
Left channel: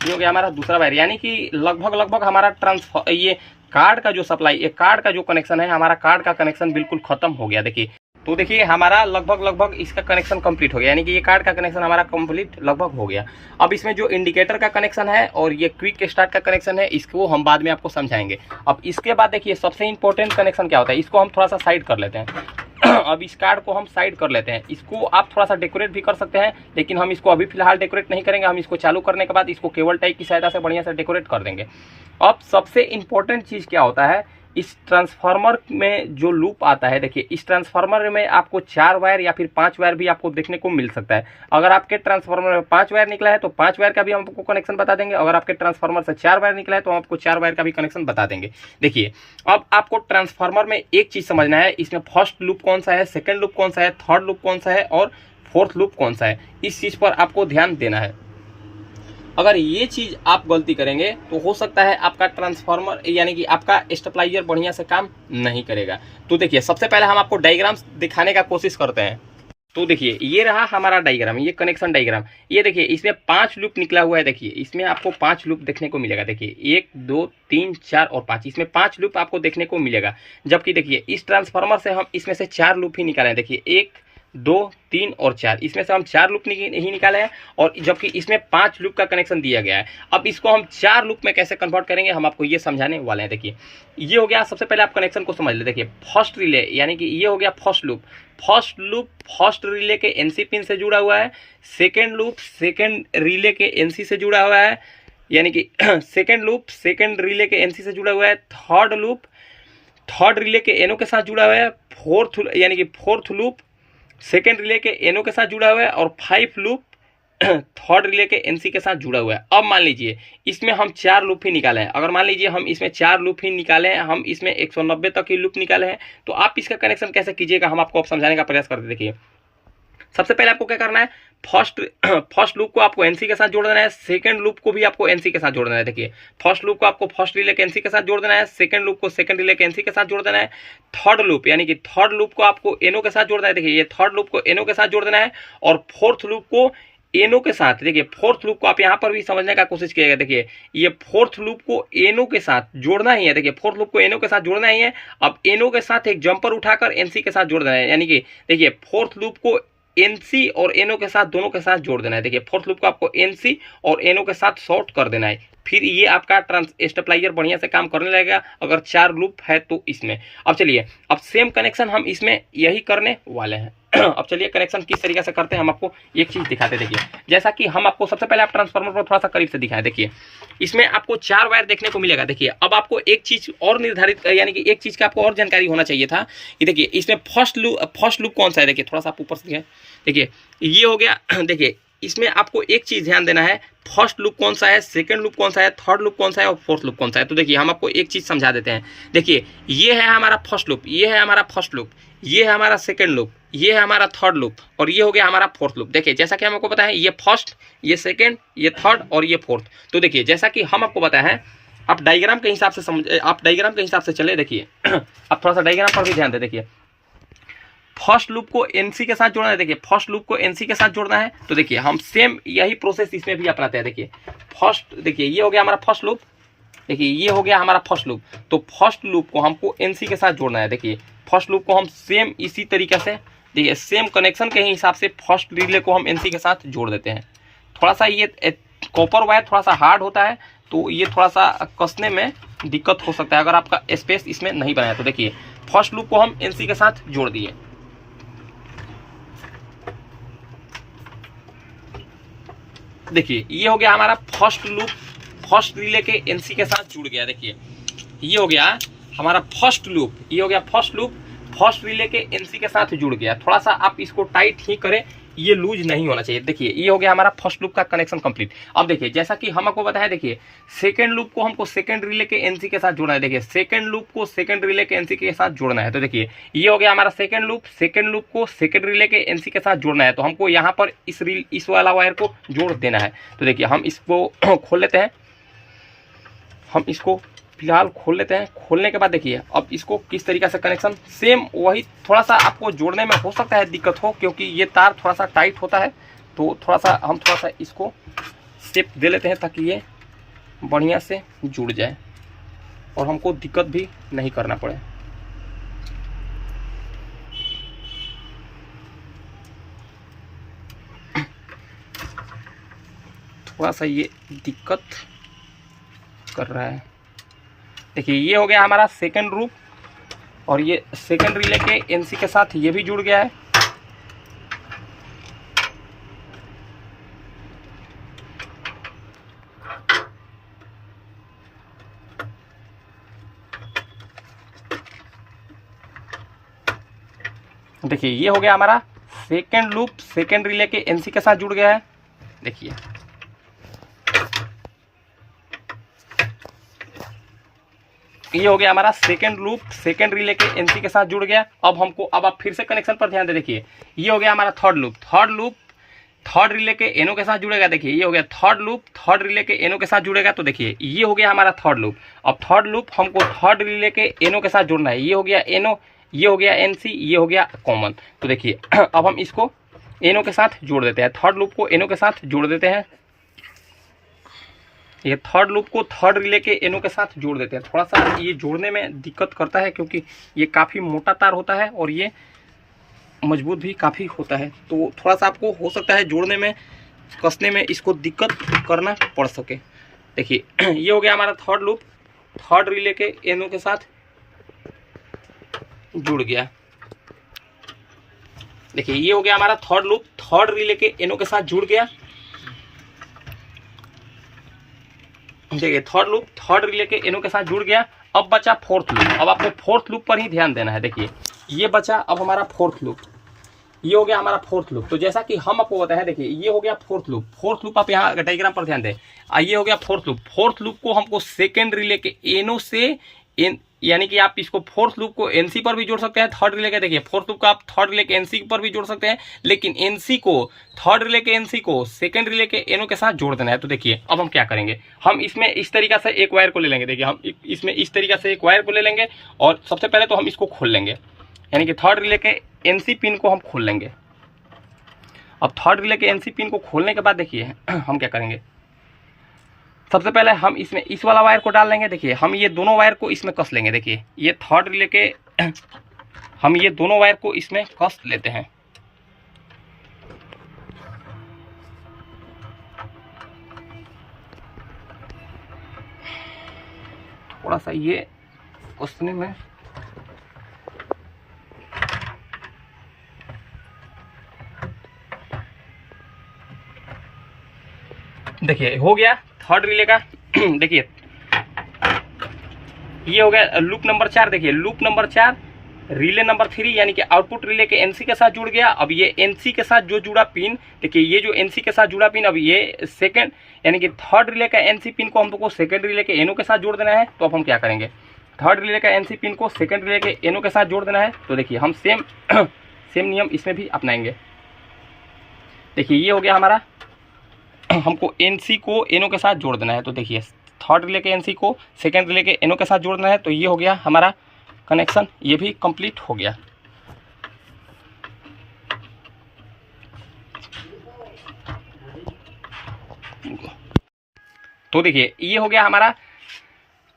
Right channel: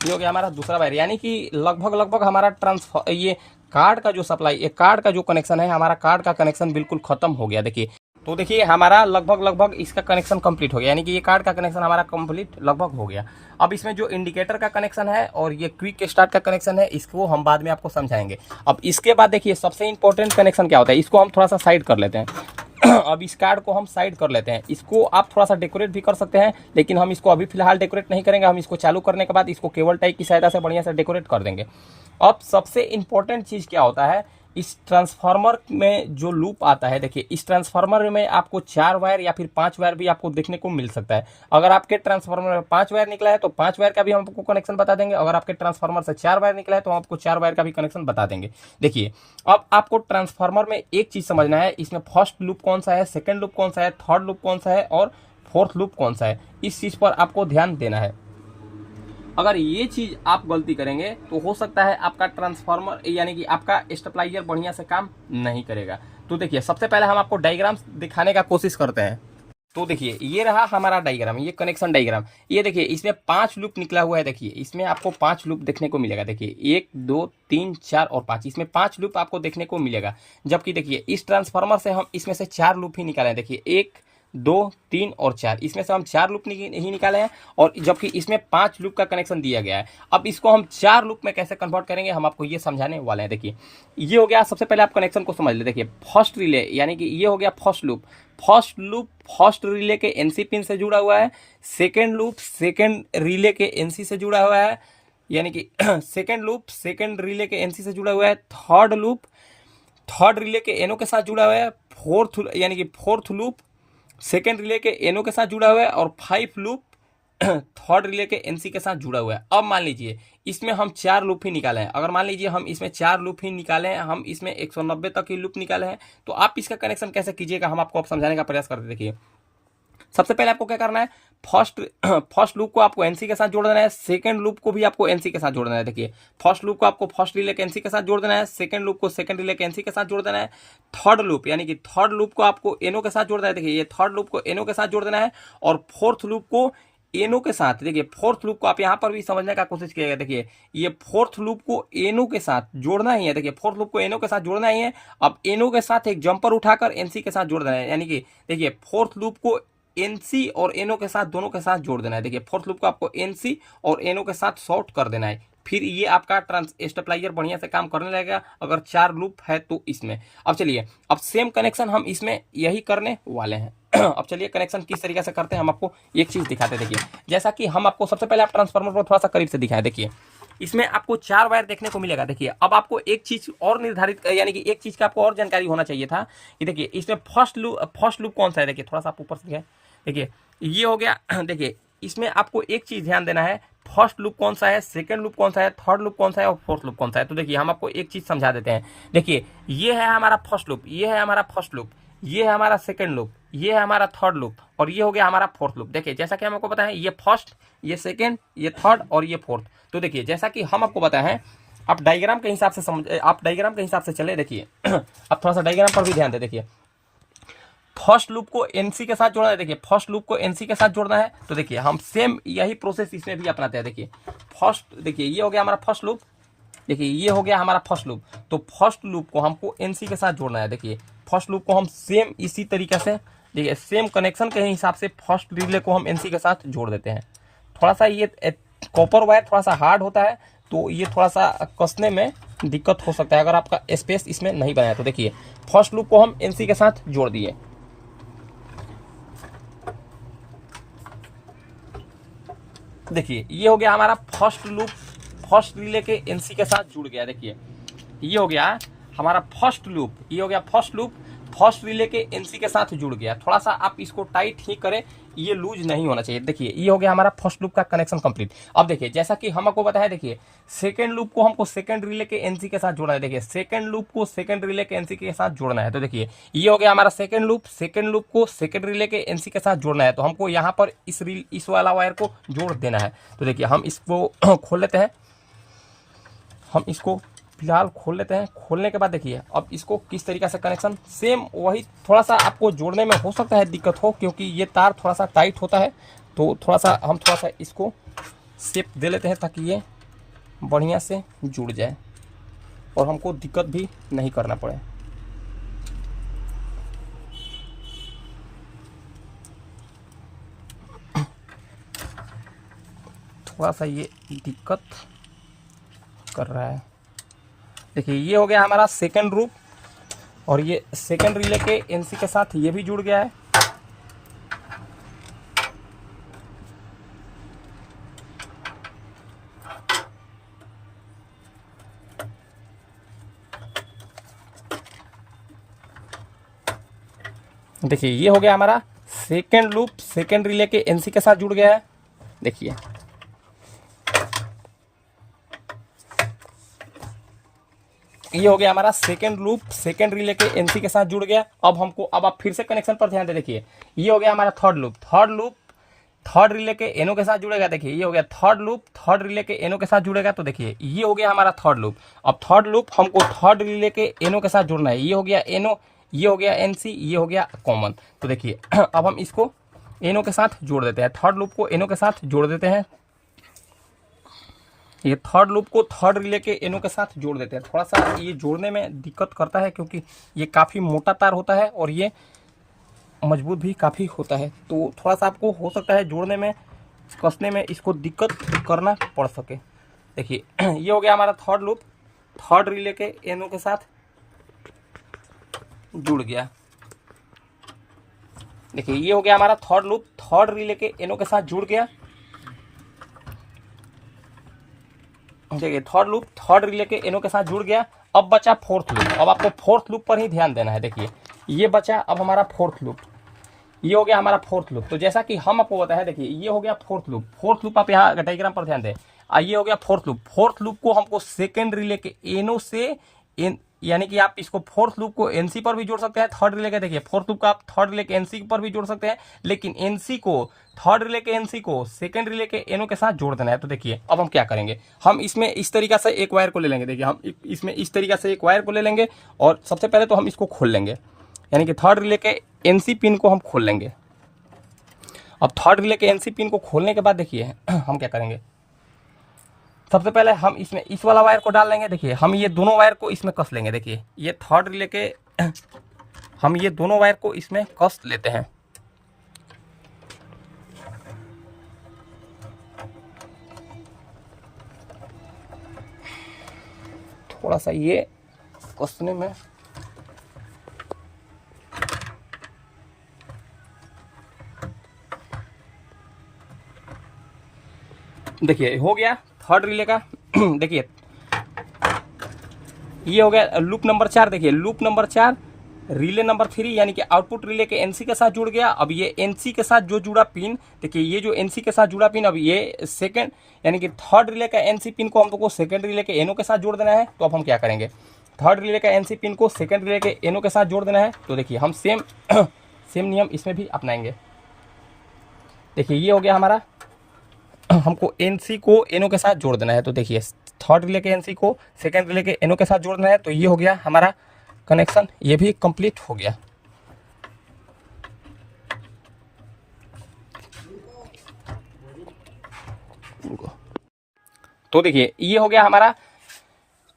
ये हो गया हमारा दूसरा वायर। यानी कि लगभग हमारा ट्रांसफर ये कार्ड का जो सप्लाई, ये कार्ड का जो कनेक्शन है, हमारा कार्ड का कनेक्शन बिल्कुल खत्म हो गया। देखिए तो देखिए हमारा लगभग इसका कनेक्शन कंप्लीट हो गया, यानी कि ये कार्ड का कनेक्शन हमारा कंप्लीट लगभग हो गया। अब इसमें जो इंडिकेटर का कनेक्शन है और ये क्विक स्टार्ट का कनेक्शन है, इसको हम बाद में आपको समझाएंगे। अब इसके बाद देखिए सबसे इंपॉर्टेंट कनेक्शन क्या होता है, इसको हम थोड़ा सा साइड कर लेते हैं। अब इस कार्ड को हम साइड कर लेते हैं, इसको आप थोड़ा सा डेकोरेट भी कर सकते हैं, लेकिन हम इसको अभी फिलहाल डेकोरेट नहीं करेंगे। हम इसको चालू करने के बाद इसको केबल टाइप की सहायता से बढ़िया से डेकोरेट कर देंगे। अब सबसे इंपॉर्टेंट चीज़ क्या होता है, इस ट्रांसफार्मर में जो लूप आता है, देखिए इस ट्रांसफार्मर में आपको 4 वायर या फिर 5 वायर भी आपको देखने को मिल सकता है। अगर आपके ट्रांसफार्मर में 5 वायर निकला है तो 5 वायर का भी हम आपको कनेक्शन बता देंगे, अगर आपके ट्रांसफार्मर से 4 वायर निकला है तो हम आपको 4 वायर का भी कनेक्शन बता देंगे। देखिए अब आपको ट्रांसफार्मर में एक चीज़ समझना है, इसमें फर्स्ट लूप कौन सा है, सेकेंड लूप कौन सा है, थर्ड लूप कौन सा है और फोर्थ लूप कौन सा है, इस चीज़ पर आपको ध्यान देना है। अगर ये चीज़ आप गलती करेंगे तो हो सकता है आपका ट्रांसफार्मर यानी कि आपका स्टेबलाइजर बढ़िया से काम नहीं करेगा। तो देखिए सबसे पहले हम आपको डायग्राम्स दिखाने का कोशिश करते हैं। तो देखिए ये रहा हमारा डायग्राम, ये कनेक्शन डायग्राम। ये देखिए इसमें 5 लूप निकला हुआ है। देखिए इसमें आपको 5 लूप देखने को मिलेगा। देखिए 1 2 3 4 और 5, इसमें 5 लूप आपको देखने को मिलेगा। जबकि देखिए इस ट्रांसफार्मर से हम इसमें से 4 लूप ही निकाले हैं। देखिए 1 2 3 और 4, इसमें से हम 4 लूप ही निकाले हैं, और जबकि इसमें 5 लूप का कनेक्शन दिया गया है। अब इसको हम 4 लूप में कैसे कन्वर्ट करेंगे हम आपको ये समझाने वाले हैं। देखिए ये हो गया, सबसे पहले आप कनेक्शन को समझ ले। देखिए फर्स्ट रिले यानी कि ये हो गया फर्स्ट लूप फर्स्ट रिले के एनसी पिन से जुड़ा हुआ है। सेकेंड लूप सेकेंड रिले के एनसी से जुड़ा हुआ है, यानी कि सेकेंड लूप सेकेंड रिले के एनसी से जुड़ा हुआ है। थर्ड लूप थर्ड रिले के एनओ के साथ जुड़ा हुआ है। फोर्थ लूप सेकेंड रिले के एनओ के साथ जुड़ा हुआ है, और 5 लूप थर्ड रिले के एनसी के साथ जुड़ा हुआ है। अब मान लीजिए इसमें हम 4 लूप ही निकाले हैं। अगर मान लीजिए हम इसमें 4 लूप ही निकाले हैं, हम इसमें 190 तक की लूप निकाले हैं, तो आप इसका कनेक्शन कैसे कीजिएगा हम आपको अब समझाने का प्रयास करते। देखिए सबसे पहले आपको क्या करना है, फर्स्ट लूप को आपको एनसी के साथ जोड़ देना है, सेकंड लूप को भी आपको एनसी के साथ जोड़ देना है। देखिए फर्स्ट लूप को आपको फर्स्ट रिले के एनसी के साथ जोड़ देना है, सेकंड लूप को सेकंड रिले के एनसी के साथ जोड़ देना है। थर्ड लूप यानी कि थर्ड लूप को आपको एनओ के साथ जोड़ देना है। देखिए ये थर्ड लूप को एनओ के साथ जोड़ देना है, और फोर्थ लूप को एनओ के साथ। देखिए फोर्थ लूप को आप यहाँ पर भी समझने का कोशिश कीजिएगा। देखिए ये फोर्थ लूप को एनओ के साथ जोड़ना ही है। देखिए फोर्थ लूप को एनओ के साथ जोड़ना ही है। अब एनओ के साथ एक जंपर उठाकर एनसी के साथ जोड़ देना है, यानी कि देखिए फोर्थ लूप को एनसी और एनओ के साथ दोनों के साथ जोड़ देना है। देखिए फोर्थ लूप को आपको एनसी और एनओ के साथ शॉर्ट कर देना है, फिर ये आपका स्टेबलाइजर बढ़िया से काम करने लगेगा अगर 4 लूप है तो इसमें। अब चलिए अब सेम कनेक्शन हम इसमें यही करने वाले हैं। अब चलिए कनेक्शन किस तरीके से करते हैं हम आपको एक चीज़ दिखाते हैं। देखिए जैसा कि हम आपको सबसे पहले आप ट्रांसफार्मर को थोड़ा सा करीब से दिखाएं। देखिए इसमें आपको 4 वायर देखने को मिलेगा। देखिए अब आपको एक चीज़ और निर्धारित यानी कि एक चीज़ का आपको और जानकारी होना चाहिए था कि देखिए इसमें फर्स्ट लूप कौन सा है। देखिए थोड़ा सा आप ऊपर से दिखाएं। देखिए ये हो गया। देखिए इसमें आपको एक चीज़ ध्यान देना है, फर्स्ट लूप कौन सा है, सेकंड लूप कौन सा है, थर्ड लूप कौन सा है और फोर्थ लूप कौन सा है। तो देखिए हम आपको एक चीज़ समझा देते हैं। देखिए ये है हमारा फर्स्ट लूप, ये है हमारा फर्स्ट लूप, ये है हमारा सेकंड लूप, ये है हमारा थर्ड लूप, और ये हो गया हमारा फोर्थ लूप। देखिए जैसा कि हमको पता है ये फर्स्ट, ये सेकंड, ये थर्ड और ये फोर्थ। तो देखिए जैसा कि हम आपको बताया है, आप डायग्राम के हिसाब से समझ, आप डायग्राम के हिसाब से चले। देखिए आप थोड़ा सा डायग्राम पर भी ध्यान दें। देखिए फर्स्ट लूप को एनसी के साथ जोड़ना है। देखिए फर्स्ट लूप को एनसी के साथ जोड़ना है, तो देखिए हम सेम यही प्रोसेस इसमें भी अपनाते हैं। देखिए फर्स्ट, देखिए ये हो गया हमारा फर्स्ट लूप, देखिए ये हो गया हमारा फर्स्ट लूप। तो फर्स्ट लूप को हमको एनसी के साथ जोड़ना है। देखिए फर्स्ट लूप को हम सेम इसी तरीके से, देखिए सेम कनेक्शन के हिसाब से फर्स्ट रिले को हम एनसी के साथ जोड़ देते हैं। थोड़ा सा ये कॉपर वायर थोड़ा सा हार्ड होता है, तो ये थोड़ा सा कसने में दिक्कत हो सकता है अगर आपका स्पेस इसमें नहीं बनाया। तो देखिए फर्स्ट लूप को हम एनसी के साथ जोड़ दिए। देखिए ये हो गया हमारा फर्स्ट लूप, फर्स्ट रिले के एनसी के साथ जुड़ गया। देखिए ये हो गया हमारा फर्स्ट लूप, ये हो गया फर्स्ट लूप फर्स्ट रिले के एनसी के साथ जुड़ गया। थोड़ा सा आप इसको टाइट ही करें, ये लूज नहीं होना चाहिए। देखिए ये हो गया हमारा फर्स्ट लूप का कनेक्शन कंप्लीट। अब देखिए जैसा कि हम आपको बताया, देखिए सेकंड लूप को हमको सेकंड रिले के एनसी के साथ जोड़ना है। देखिए सेकंड लूप को सेकंड रिले के एनसी के साथ जोड़ना है। तो देखिए ये हो गया हमारा सेकंड लूप को सेकंड रिले के एनसी के साथ जोड़ना है। तो हमको यहाँ पर इस वाला वायर को जोड़ देना है। तो देखिए हम इसको खोल लेते हैं, हम इसको फिलहाल खोल लेते हैं। खोलने के बाद देखिए अब इसको किस तरीके से कनेक्शन, सेम वही थोड़ा सा आपको जोड़ने में हो सकता है दिक्कत हो, क्योंकि ये तार थोड़ा सा टाइट होता है। तो थोड़ा सा इसको शेप दे लेते हैं ताकि ये बढ़िया से जुड़ जाए और हमको दिक्कत भी नहीं करना पड़े। थोड़ा सा ये दिक्कत कर रहा है। देखिए ये हो गया हमारा सेकंड लूप और ये सेकंड रिले के एनसी के साथ ये भी जुड़ गया है। देखिए ये हो गया हमारा सेकंड लूप सेकंड रिले के एनसी के साथ जुड़ गया है। देखिए ये हो गया हमारा सेकंड लूप सेकंड रिले के एनसी के साथ जुड़ गया। अब आप फिर से कनेक्शन पर ध्यान दे। देखिए ये हो गया हमारा थर्ड लूप थर्ड रिले के एनो के साथ जुड़ेगा। देखिए ये हो गया थर्ड लूप थर्ड रिले के एनो के साथ जुड़ेगा। तो देखिए ये हो गया हमारा थर्ड लूप। अब थर्ड लूप हमको थर्ड रिले के एनो के साथ जुड़ना है। ये हो गया एनो, ये हो गया एनसी, ये हो गया कॉमन। तो देखिए अब हम इसको एनो के साथ जोड़ देते हैं, थर्ड लूप को एनो के साथ जोड़ देते हैं। ये थर्ड लूप को थर्ड रिले के एनो के साथ जोड़ देते हैं। थोड़ा सा ये जोड़ने में दिक्कत करता है क्योंकि ये काफ़ी मोटा तार होता है और ये मजबूत भी काफ़ी होता है। तो थोड़ा सा आपको हो सकता है जोड़ने में कसने में इसको दिक्कत करना पड़ सके। देखिए ये हो गया हमारा थर्ड लूप थर्ड रिले के एनो के साथ जुड़ गया। देखिए ये हो गया हमारा थर्ड लूप थर्ड रिले के एनो के साथ जुड़ गया। देखिए थर्ड लूप थर्ड रिले के एनो के साथ जुड़ गया। अब बचा फोर्थ लूप। अब आपको फोर्थ लूप पर ही ध्यान देना है। देखिए ये बचा अब हमारा फोर्थ लूप, ये हो गया हमारा फोर्थ लूप। तो जैसा कि हम आपको बताया, देखिए ये हो गया फोर्थ लूप आप यहाँ डायग्राम पर ध्यान दें। ये हो गया फोर्थ लूप को हमको सेकेंड रिले के एनो से यानी कि आप इसको फोर्थ लूप को एनसी पर भी जोड़ सकते हैं थर्ड रिले के। देखिए फोर्थ लूप का आप थर्ड रिले के एनसी पर भी जोड़ सकते हैं, लेकिन एनसी को थर्ड रिले के एनसी को सेकंड रिले के एनो के साथ जोड़ देना है। तो देखिए अब हम क्या करेंगे, हम इसमें इस तरीका से एक वायर को ले लेंगे। देखिए हम इसमें इस तरीका से एक वायर को ले लेंगे और सबसे पहले तो हम इसको खोल लेंगे, यानी कि थर्ड रिले के एनसी पिन को हम खोल लेंगे। अब थर्ड रिले के एनसी पिन को खोलने के बाद देखिए हम क्या करेंगे, सबसे पहले हम इसमें इस वाला वायर को डाल लेंगे। देखिए हम ये दोनों वायर को इसमें कस लेंगे। देखिए ये थर्ड रिले के हम ये दोनों वायर को इसमें कस लेते हैं। थोड़ा सा ये कसने में देखिए हो गया थर्ड रिले का। देखिए ये हो गया लूप नंबर 4। देखिए लूप नंबर 4 रिले नंबर 3 यानी कि आउटपुट रिले के एनसी के साथ जुड़ गया। अब ये एनसी के साथ जो जुड़ा पिन, देखिए ये जो एनसी के साथ जुड़ा पिन, अब ये सेकंड यानी कि थर्ड रिले का एनसी पिन को हमको सेकंड रिले के एनो के साथ जोड़ देना है। तो अब हम क्या करेंगे, थर्ड रिले का एनसी पिन को सेकंड रिले के एनो के साथ जोड़ देना है। तो देखिए हम सेम नियम इसमें भी अपनाएंगे। देखिए ये हो गया हमारा, हमको एनसी को एनो के साथ जोड़ देना है। तो देखिए थर्ड रिले के एनसी को सेकंड रिले के एनो के साथ जोड़ना है। तो ये हो गया हमारा कनेक्शन, ये भी कंप्लीट हो गया। तो देखिए ये हो गया हमारा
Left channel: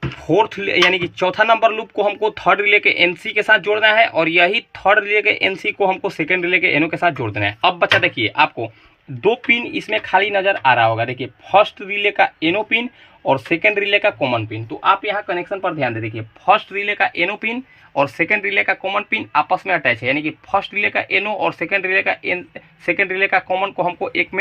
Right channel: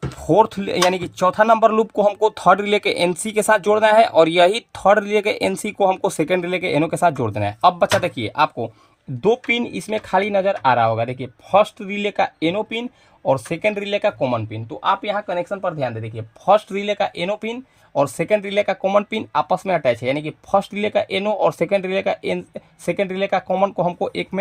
फोर्थ यानी कि चौथा नंबर लूप को हमको थर्ड रिले के एनसी के साथ जोड़ना है और यही थर्ड रिले के एनसी को हमको सेकंड रिले के एनो के साथ जोड़ देना है। अब बच्चा देखिए आपको दो पिन इसमें खाली नजर आ रहा होगा। देखिए फर्स्ट रिले का एनो पिन और सेकंड रिले का कॉमन पिन। तो आप यहाँ कनेक्शन पर ध्यान दे, देखिए फर्स्ट रिले का एनो पिन और सेकंड रिले का कॉमन पिन आपस में अटैच है, यानी कि फर्स्ट रिले का एनो और सेकंड रिले का कॉमन को हमको एक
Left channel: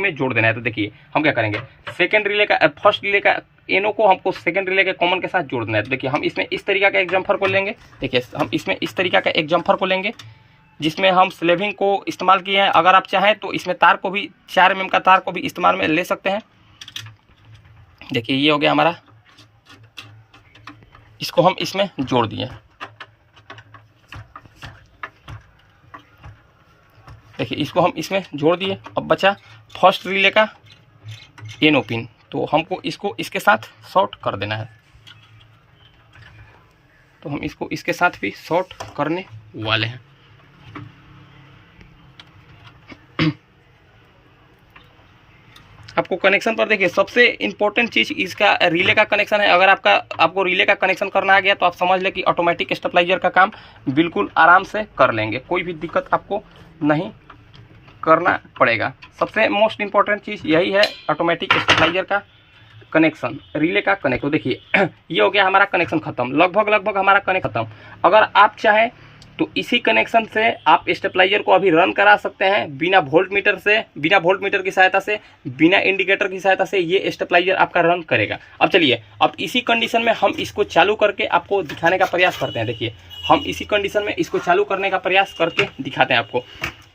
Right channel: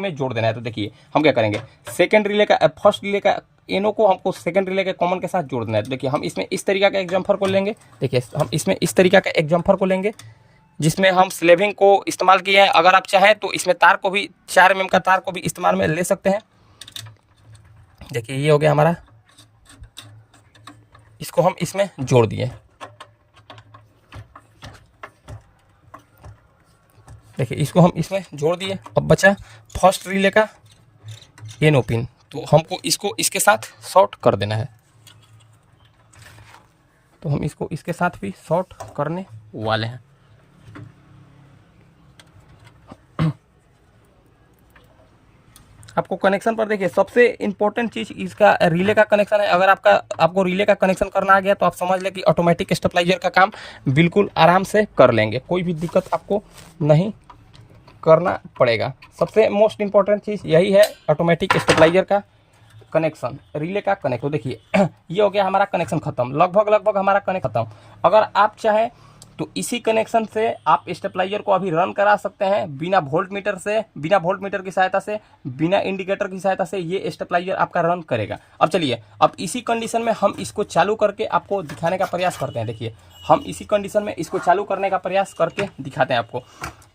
में जोड़ देना है। तो देखिए हम क्या करेंगे, फर्स्ट रिले का एनो को हमको सेकंड रिले के कॉमन के साथ जोड़ देना है। तो देखिए हम इसमें इस तरीका का एक जम्फर को लेंगे। देखिए हम इसमें इस तरीका का एक जम्फर को लेंगे जिसमें हम स्लेविंग को इस्तेमाल किए हैं। अगर आप चाहें तो इसमें तार को भी 4 mm का तार को भी इस्तेमाल में ले सकते हैं। देखिए ये हो गया हमारा, इसको हम इसमें जोड़ दिए। देखिए इसको हम इसमें जोड़ दिए। अब बचा फर्स्ट रिले का एनो पिन, तो हमको इसको इसके साथ शॉर्ट कर देना है। तो हम इसको इसके साथ भी शॉर्ट करने वाले हैं। आपको कनेक्शन पर देखिए सबसे इम्पोर्टेंट चीज़ इसका रिले का कनेक्शन है। अगर आपको रिले का कनेक्शन करना आ गया तो आप समझ लें कि ऑटोमेटिक स्टेबलाइजर का काम बिल्कुल आराम से कर लेंगे, कोई भी दिक्कत आपको नहीं करना पड़ेगा। सबसे मोस्ट इम्पॉर्टेंट चीज़ यही है, ऑटोमेटिक स्टेबलाइजर का कनेक्शन, रिले का कनेक्शन। देखिए ये हो गया हमारा कनेक्शन खत्म, लगभग हमारा कनेक्शन खत्म। अगर आप चाहें तो इसी कनेक्शन से आप स्टेबलाइजर को अभी रन करा सकते हैं बिना वोल्ट मीटर की सहायता से, बिना इंडिकेटर की सहायता से ये स्टेबलाइजर आपका रन करेगा। अब चलिए, अब इसी कंडीशन में हम इसको चालू करके आपको दिखाने का प्रयास करते हैं। देखिए हम इसी कंडीशन में इसको चालू करने का प्रयास करके दिखाते हैं आपको।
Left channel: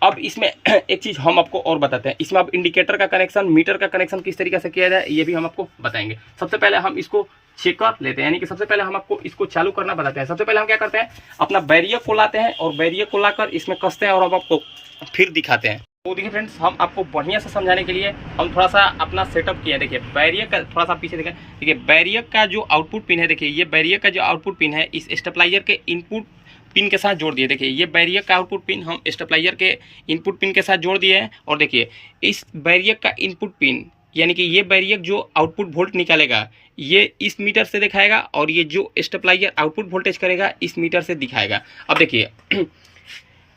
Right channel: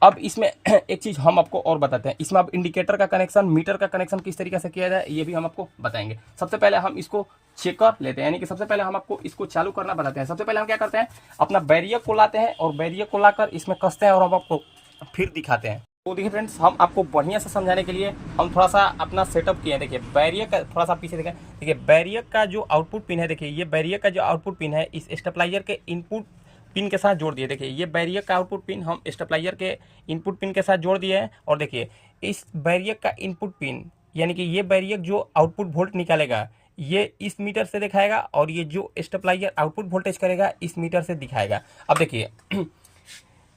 अब इसमें एक चीज़ हम आपको और बताते हैं, इसमें अब इंडिकेटर का कनेक्शन, मीटर का कनेक्शन किस तरीके से किया जाए ये भी हम आपको बताएंगे। सबसे पहले हम इसको चेक कर लेते हैं, यानी कि सबसे पहले हम आपको इसको चालू करना बताते हैं। सबसे पहले हम क्या करते हैं, अपना बैरियर को लाते हैं और बैरियर को लाकर इसमें कसते हैं और हम आपको फिर दिखाते हैं। तो देखिए फ्रेंड्स, हम आपको बढ़िया से समझाने के लिए हम थोड़ा सा अपना सेटअप किए हैं। देखिए बैरियर का थोड़ा सा पीछे दिखाएं। देखिए बैरियर का जो आउटपुट पिन है, देखिए ये बैरियर का जो आउटपुट पिन है इस स्टेबलाइजर के इनपुट पिन के साथ जोड़ दिए। देखिए ये बैरियर का आउटपुट पिन हम स्टेबलाइजर के इनपुट पिन के साथ जोड़ दिए हैं। और देखिए इस बैरियर का इनपुट पिन, यानी कि ये बैरियर जो आउटपुट वोल्ट निकालेगा ये इस मीटर से दिखाएगा और ये जो स्टेबलाइजर आउटपुट वोल्टेज करेगा इस मीटर से दिखाएगा। अब देखिए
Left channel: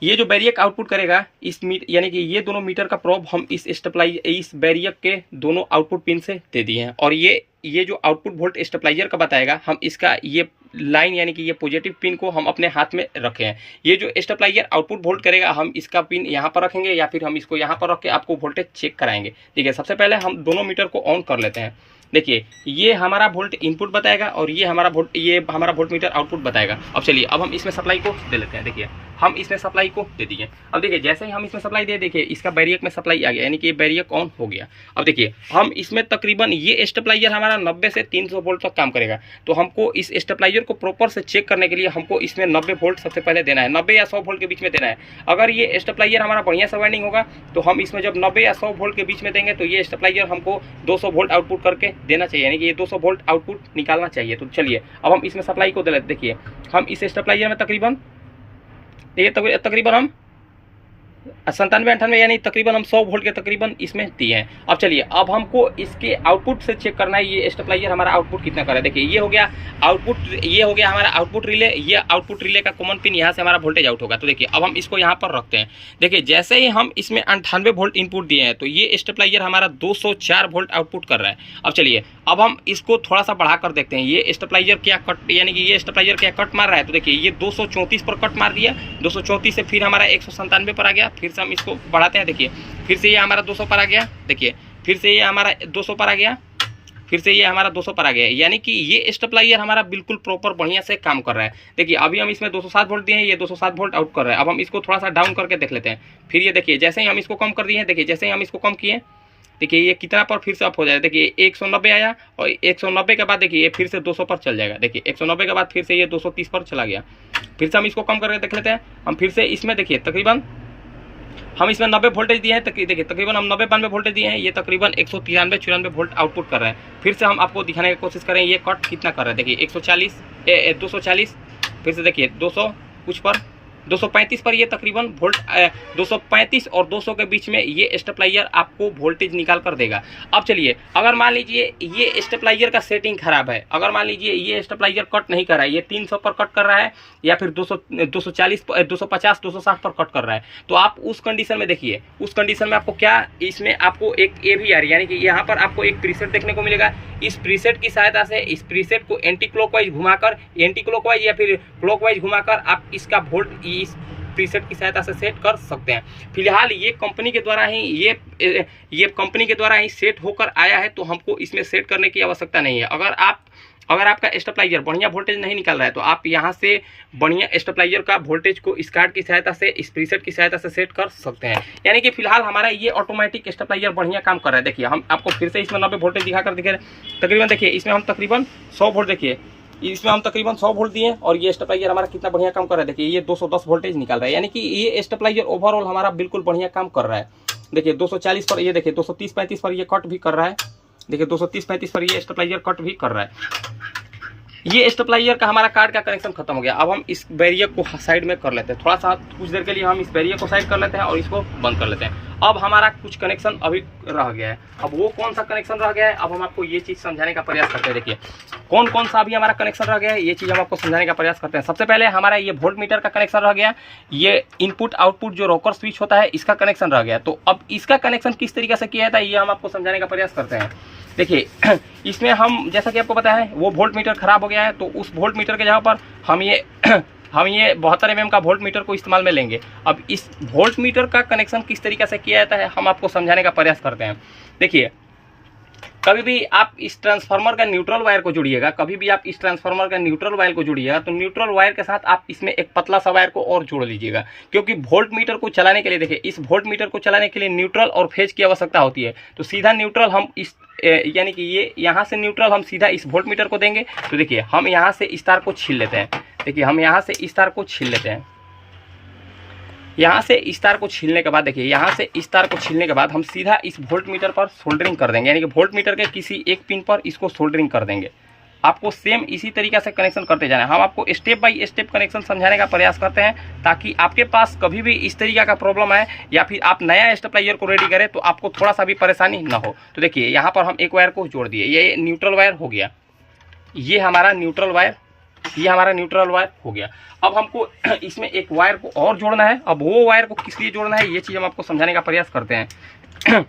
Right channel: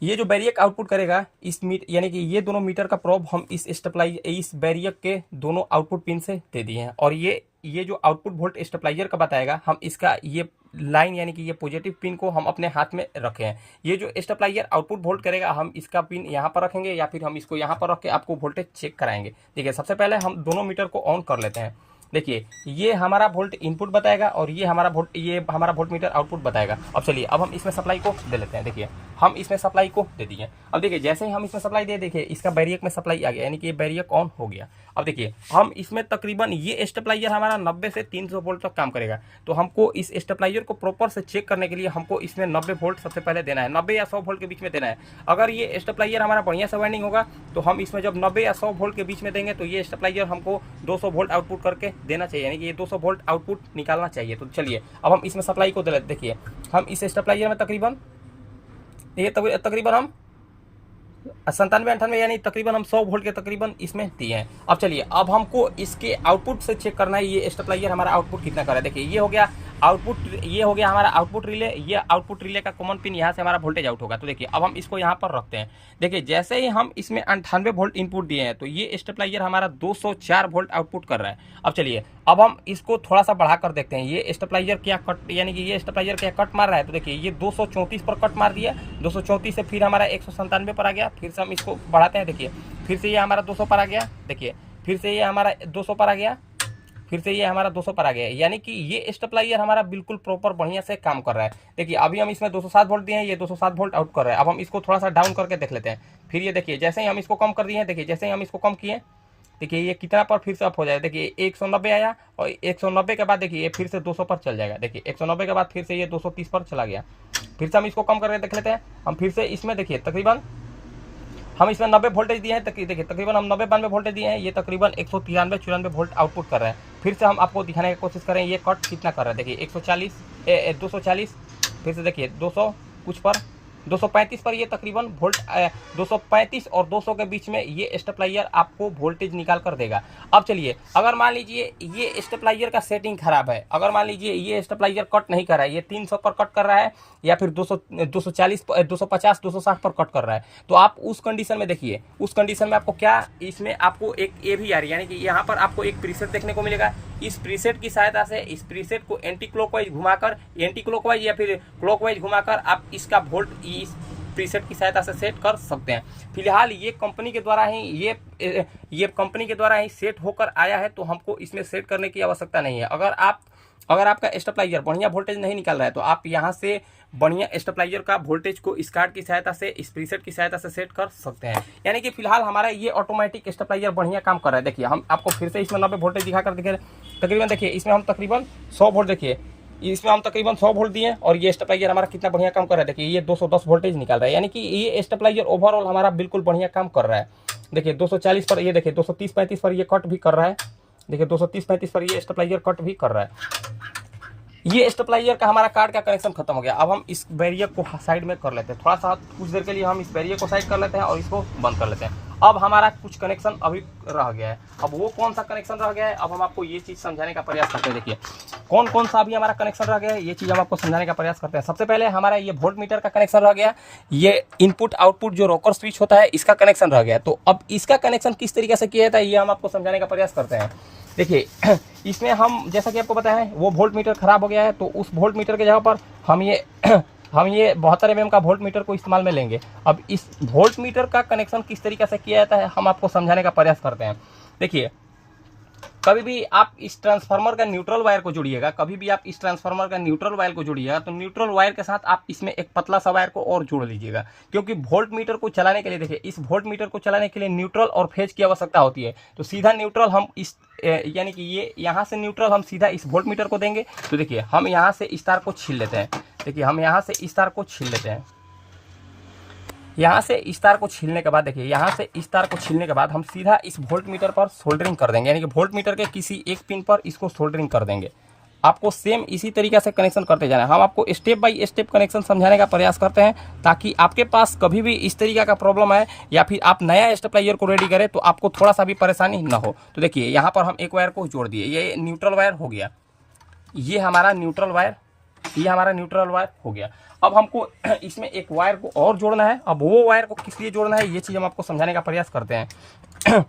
ये जो बैरियर आउटपुट करेगा यानी कि ये दोनों मीटर का प्रोब हम इस बैरियर के दोनों आउटपुट पिन से दे दिए हैं। और ये जो आउटपुट वोल्ट स्टेबलाइजर का बताएगा, हम इसका ये लाइन यानी कि ये पॉजिटिव पिन को हम अपने हाथ में रखे हैं। ये जो स्टेबलाइजर आउटपुट वोल्ट करेगा हम इसका पिन यहाँ पर रखेंगे या फिर हम इसको यहाँ पर रख के आपको वोल्टेज चेक कराएंगे। देखिए सबसे पहले हम दोनों मीटर को ऑन कर लेते हैं। देखिए ये हमारा वोल्ट इनपुट बताएगा और ये हमारा वोल्ट मीटर आउटपुट बताएगा। अब चलिए, अब हम इसमें सप्लाई को दे लेते हैं। देखिए हम इसमें सप्लाई को दे दिए। अब देखिए जैसे ही हम इसमें सप्लाई दे, देखिए इसका बैरियर में सप्लाई आ गया, यानी कि ये बैरियर ऑन हो गया। अब देखिए हम इसमें तकरीबन ये स्टेबलाइजर हमारा 90 से 300 वोल्ट तक काम करेगा। तो हमको इस स्टेबलाइजर को प्रॉपर से चेक करने के लिए हमको इसमें 90 वोल्ट सबसे पहले देना है, 90 या 100 वोल्ट के बीच में देना है। अगर ये स्टेबलाइजर हमारा बढ़िया से वाइंडिंग होगा तो हम इसमें जब 90 या 100 वोल्ट के बीच में देंगे तो ये स्टेबलाइजर हमको 200 वोल्ट आउटपुट करके देना चाहिए, यानी कि ये 200 वोल्ट आउटपुट निकालना चाहिए। तो चलिए अब हम इसमें सप्लाई को दे लेते। देखिए हम इस स्टेबलाइजर में तकरीबन हम 97-98 यानी तकरीबन हम 100 वोल्ट के तकरीबन इसमें दिए हैं। अब चलिए, अब हमको इसके आउटपुट से चेक करना है ये स्टेबलाइजर हमारा आउटपुट कितना कर रहा है। देखिए ये हो गया आउटपुट, ये हो गया हमारा आउटपुट रिले। ये आउटपुट रिले का कॉमन पिन यहाँ से हमारा वोल्टेज आउट होगा। तो देखिए अब हम इसको यहाँ पर रखते हैं। देखिए जैसे ही हम इसमें 98 वोल्ट इनपुट दिए हैं तो ये स्टेबलाइजर हमारा 204 वोल्ट आउटपुट कर रहा है। अब चलिए अब हम इसको थोड़ा सा बढ़ा कर देखते हैं ये स्टेबलाइजर क्या कट, यानी कि ये स्टेबलाइजर क्या कट मार रहा है। तो देखिए ये 234 पर कट मार दिया, 234 से फिर हमारा 197 पर आ गया। फिर से हम इसको बढ़ाते हैं। देखिए फिर से ये हमारा 200 पर आ गया। देखिए फिर से ये हमारा 200 पर आ गया, फिर से ये हमारा 200 पर आ गया, यानी कि ये स्टेबलाइजर हमारा बिल्कुल प्रॉपर बढ़िया से काम कर रहा है। देखिए अभी हम इसमें 207 वोल्ट दिए हैं, ये 207 वोल्ट आउट कर रहा है। अब हम इसको थोड़ा सा डाउन करके देख लेते हैं। फिर ये देखिए जैसे ही हम इसको कम कर दिए हैं, देखिए जैसे ही हम इसको कम किए, देखिए ये कितना पर फिर से अप हो जाएगा। देखिए 190 आया और 190 के बाद देखिए ये फिर से 200 पर चल जाएगा। देखिए 190 के बाद फिर से ये 230 पर चला गया। फिर से हम इसको कम करके देख लेते हैं। हम फिर से इसमें देखिए तकरीबन हम इसमें 90 वोल्टेज दिए हैं। देखिए तकरीबन हम 90-92 वोल्टेज दिए हैं, ये तकरीबन 193-94 वोल्ट आउटपुट कर रहे हैं। फिर से हम आपको दिखाने की कोशिश करें ये कट कितना कर रहा है। देखिए 240, फिर से देखिए 200 कुछ पर, 235 पर ये तकरीबन वोल्ट 235 और 200 के बीच में ये स्टेबलाइजर आपको वोल्टेज निकाल कर देगा। अब चलिए, अगर मान लीजिए ये स्टेबलाइजर का सेटिंग खराब है, अगर मान लीजिए ये स्टेबलाइजर कट नहीं कर रहा है, ये 300 पर कट कर रहा है या फिर 240 250 260 पर कट कर रहा है, तो आप उस कंडीशन में देखिए, उस कंडीशन में आपको क्या, इसमें आपको एक ए भी आ रही है, यानी कि यहाँ पर आपको एक प्रीसेट देखने को मिलेगा। इस प्रीसेट की सहायता से इस प्रीसेट को एंटी क्लॉकवाइज घुमाकर, एंटी क्लॉकवाइज या फिर क्लॉकवाइज घुमाकर आप इसका वोल्ट इस प्रीसेट की सहायता से सेट कर सकते हैं। फिलहाल ये कंपनी के द्वारा ही ये कंपनी के द्वारा ही सेट होकर आया है, तो हमको इसमें सेट करने की आवश्यकता नहीं है। अगर आपका स्टेबलाइजर बढ़िया वोल्टेज नहीं निकाल रहा है, तो आप यहाँ से बढ़िया स्टेबलाइजर का वोल्टेज को इस कार्ड की सहायता से, इस प्रीसेट की सहायता से सेट कर सकते हैं। यानी कि फिलहाल हमारा ये ऑटोमेटिक स्टेबलाइजर बढ़िया काम कर रहा है। देखिए, हम आपको फिर से इसमें 90 वोल्टेज दिखाकर देखिए, तकरीबन देखिए इसमें हम तकरीबन 100 वोल्ट, देखिए इसमें हम तकरीबन 100 वोल्ट दिए और ये स्टेबलाइजर हमारा कितना बढ़िया काम कर रहा है। देखिए ये 210 वोल्टेज निकाल रहा है, यानी कि ये स्टेबलाइजर ओवरऑल हमारा बिल्कुल बढ़िया काम कर रहा है। देखिए 240 पर ये, देखिए 230-35 पर ये कट भी कर रहा है। देखिए 230-35 पर ये स्टेबलाइजर कट भी कर रहा है। ये स्टेबलाइजर का हमारा कार्ड का कनेक्शन खत्म हो गया। अब हम इस बैरियर को साइड में कर लेते हैं, थोड़ा सा कुछ देर के लिए हम इस बैरियर को साइड कर लेते हैं और इसको बंद कर लेते हैं। अब हमारा कुछ कनेक्शन अभी रह गया है। अब वो कौन सा कनेक्शन रह गया है, अब हम आपको ये चीज़ समझाने का प्रयास करते हैं। देखिए कौन कौन सा अभी हमारा कनेक्शन रह गया है, ये चीज़ हम आपको समझाने का प्रयास करते हैं। सबसे पहले हमारा ये वोल्ट मीटर का कनेक्शन रह गया, ये इनपुट आउटपुट जो रोकर स्विच होता है इसका कनेक्शन रह गया। तो अब इसका कनेक्शन किस तरीके से किया जाता है, ये हम आपको समझाने का प्रयास करते हैं। देखिए इसमें हम, जैसा कि आपको पता है, वो वोल्ट मीटर खराब हो गया है, तो उस वोल्ट मीटर के जगह पर हम ये 72 mm का वोल्ट मीटर को इस्तेमाल में लेंगे। अब इस वोल्ट मीटर का कनेक्शन किस तरीके से किया जाता है हम आपको समझाने का प्रयास करते हैं। देखिए, कभी भी आप इस ट्रांसफार्मर का न्यूट्रल वायर को जोड़िएगा, कभी भी आप इस ट्रांसफार्मर का न्यूट्रल वायर को जोड़िएगा, तो न्यूट्रल वायर के साथ आप इसमें एक पतला सा वायर को और जोड़ लीजिएगा, क्योंकि वोल्ट मीटर को चलाने के लिए, देखिए इस वोल्ट मीटर को चलाने के लिए न्यूट्रल और फेज की आवश्यकता होती है। तो सीधा न्यूट्रल हम इस यानी कि ये यहाँ से न्यूट्रल हम सीधा इस वोल्ट मीटर को देंगे। तो देखिए हम यहाँ से इस तार को छील लेते हैं। देखिए हम यहाँ से इस तार को छील लेते हैं। यहाँ से इस तार को छीलने के बाद, देखिए यहाँ से इस तार को छीलने के बाद हम सीधा इस वोल्ट मीटर पर सोल्डरिंग कर देंगे, यानी कि वोल्ट मीटर के किसी एक पिन पर इसको सोल्डरिंग कर देंगे। आपको सेम इसी तरीके से कनेक्शन करते जाना है। हम आपको स्टेप बाय स्टेप कनेक्शन समझाने का प्रयास करते हैं, ताकि आपके पास कभी भी इस तरीके का प्रॉब्लम आए या फिर आप नया स्टेबलाइजर को रेडी करें तो आपको थोड़ा सा भी परेशानी ना हो। तो देखिए यहाँ पर हम एक वायर को जोड़ दिए, ये न्यूट्रल वायर हो गया, ये हमारा न्यूट्रल वायर, ये हमारा न्यूट्रल वायर हो गया। अब हमको इसमें एक वायर को और जोड़ना है। अब वो वायर को किस लिए जोड़ना है, ये चीज़ हम आपको समझाने का प्रयास करते हैं।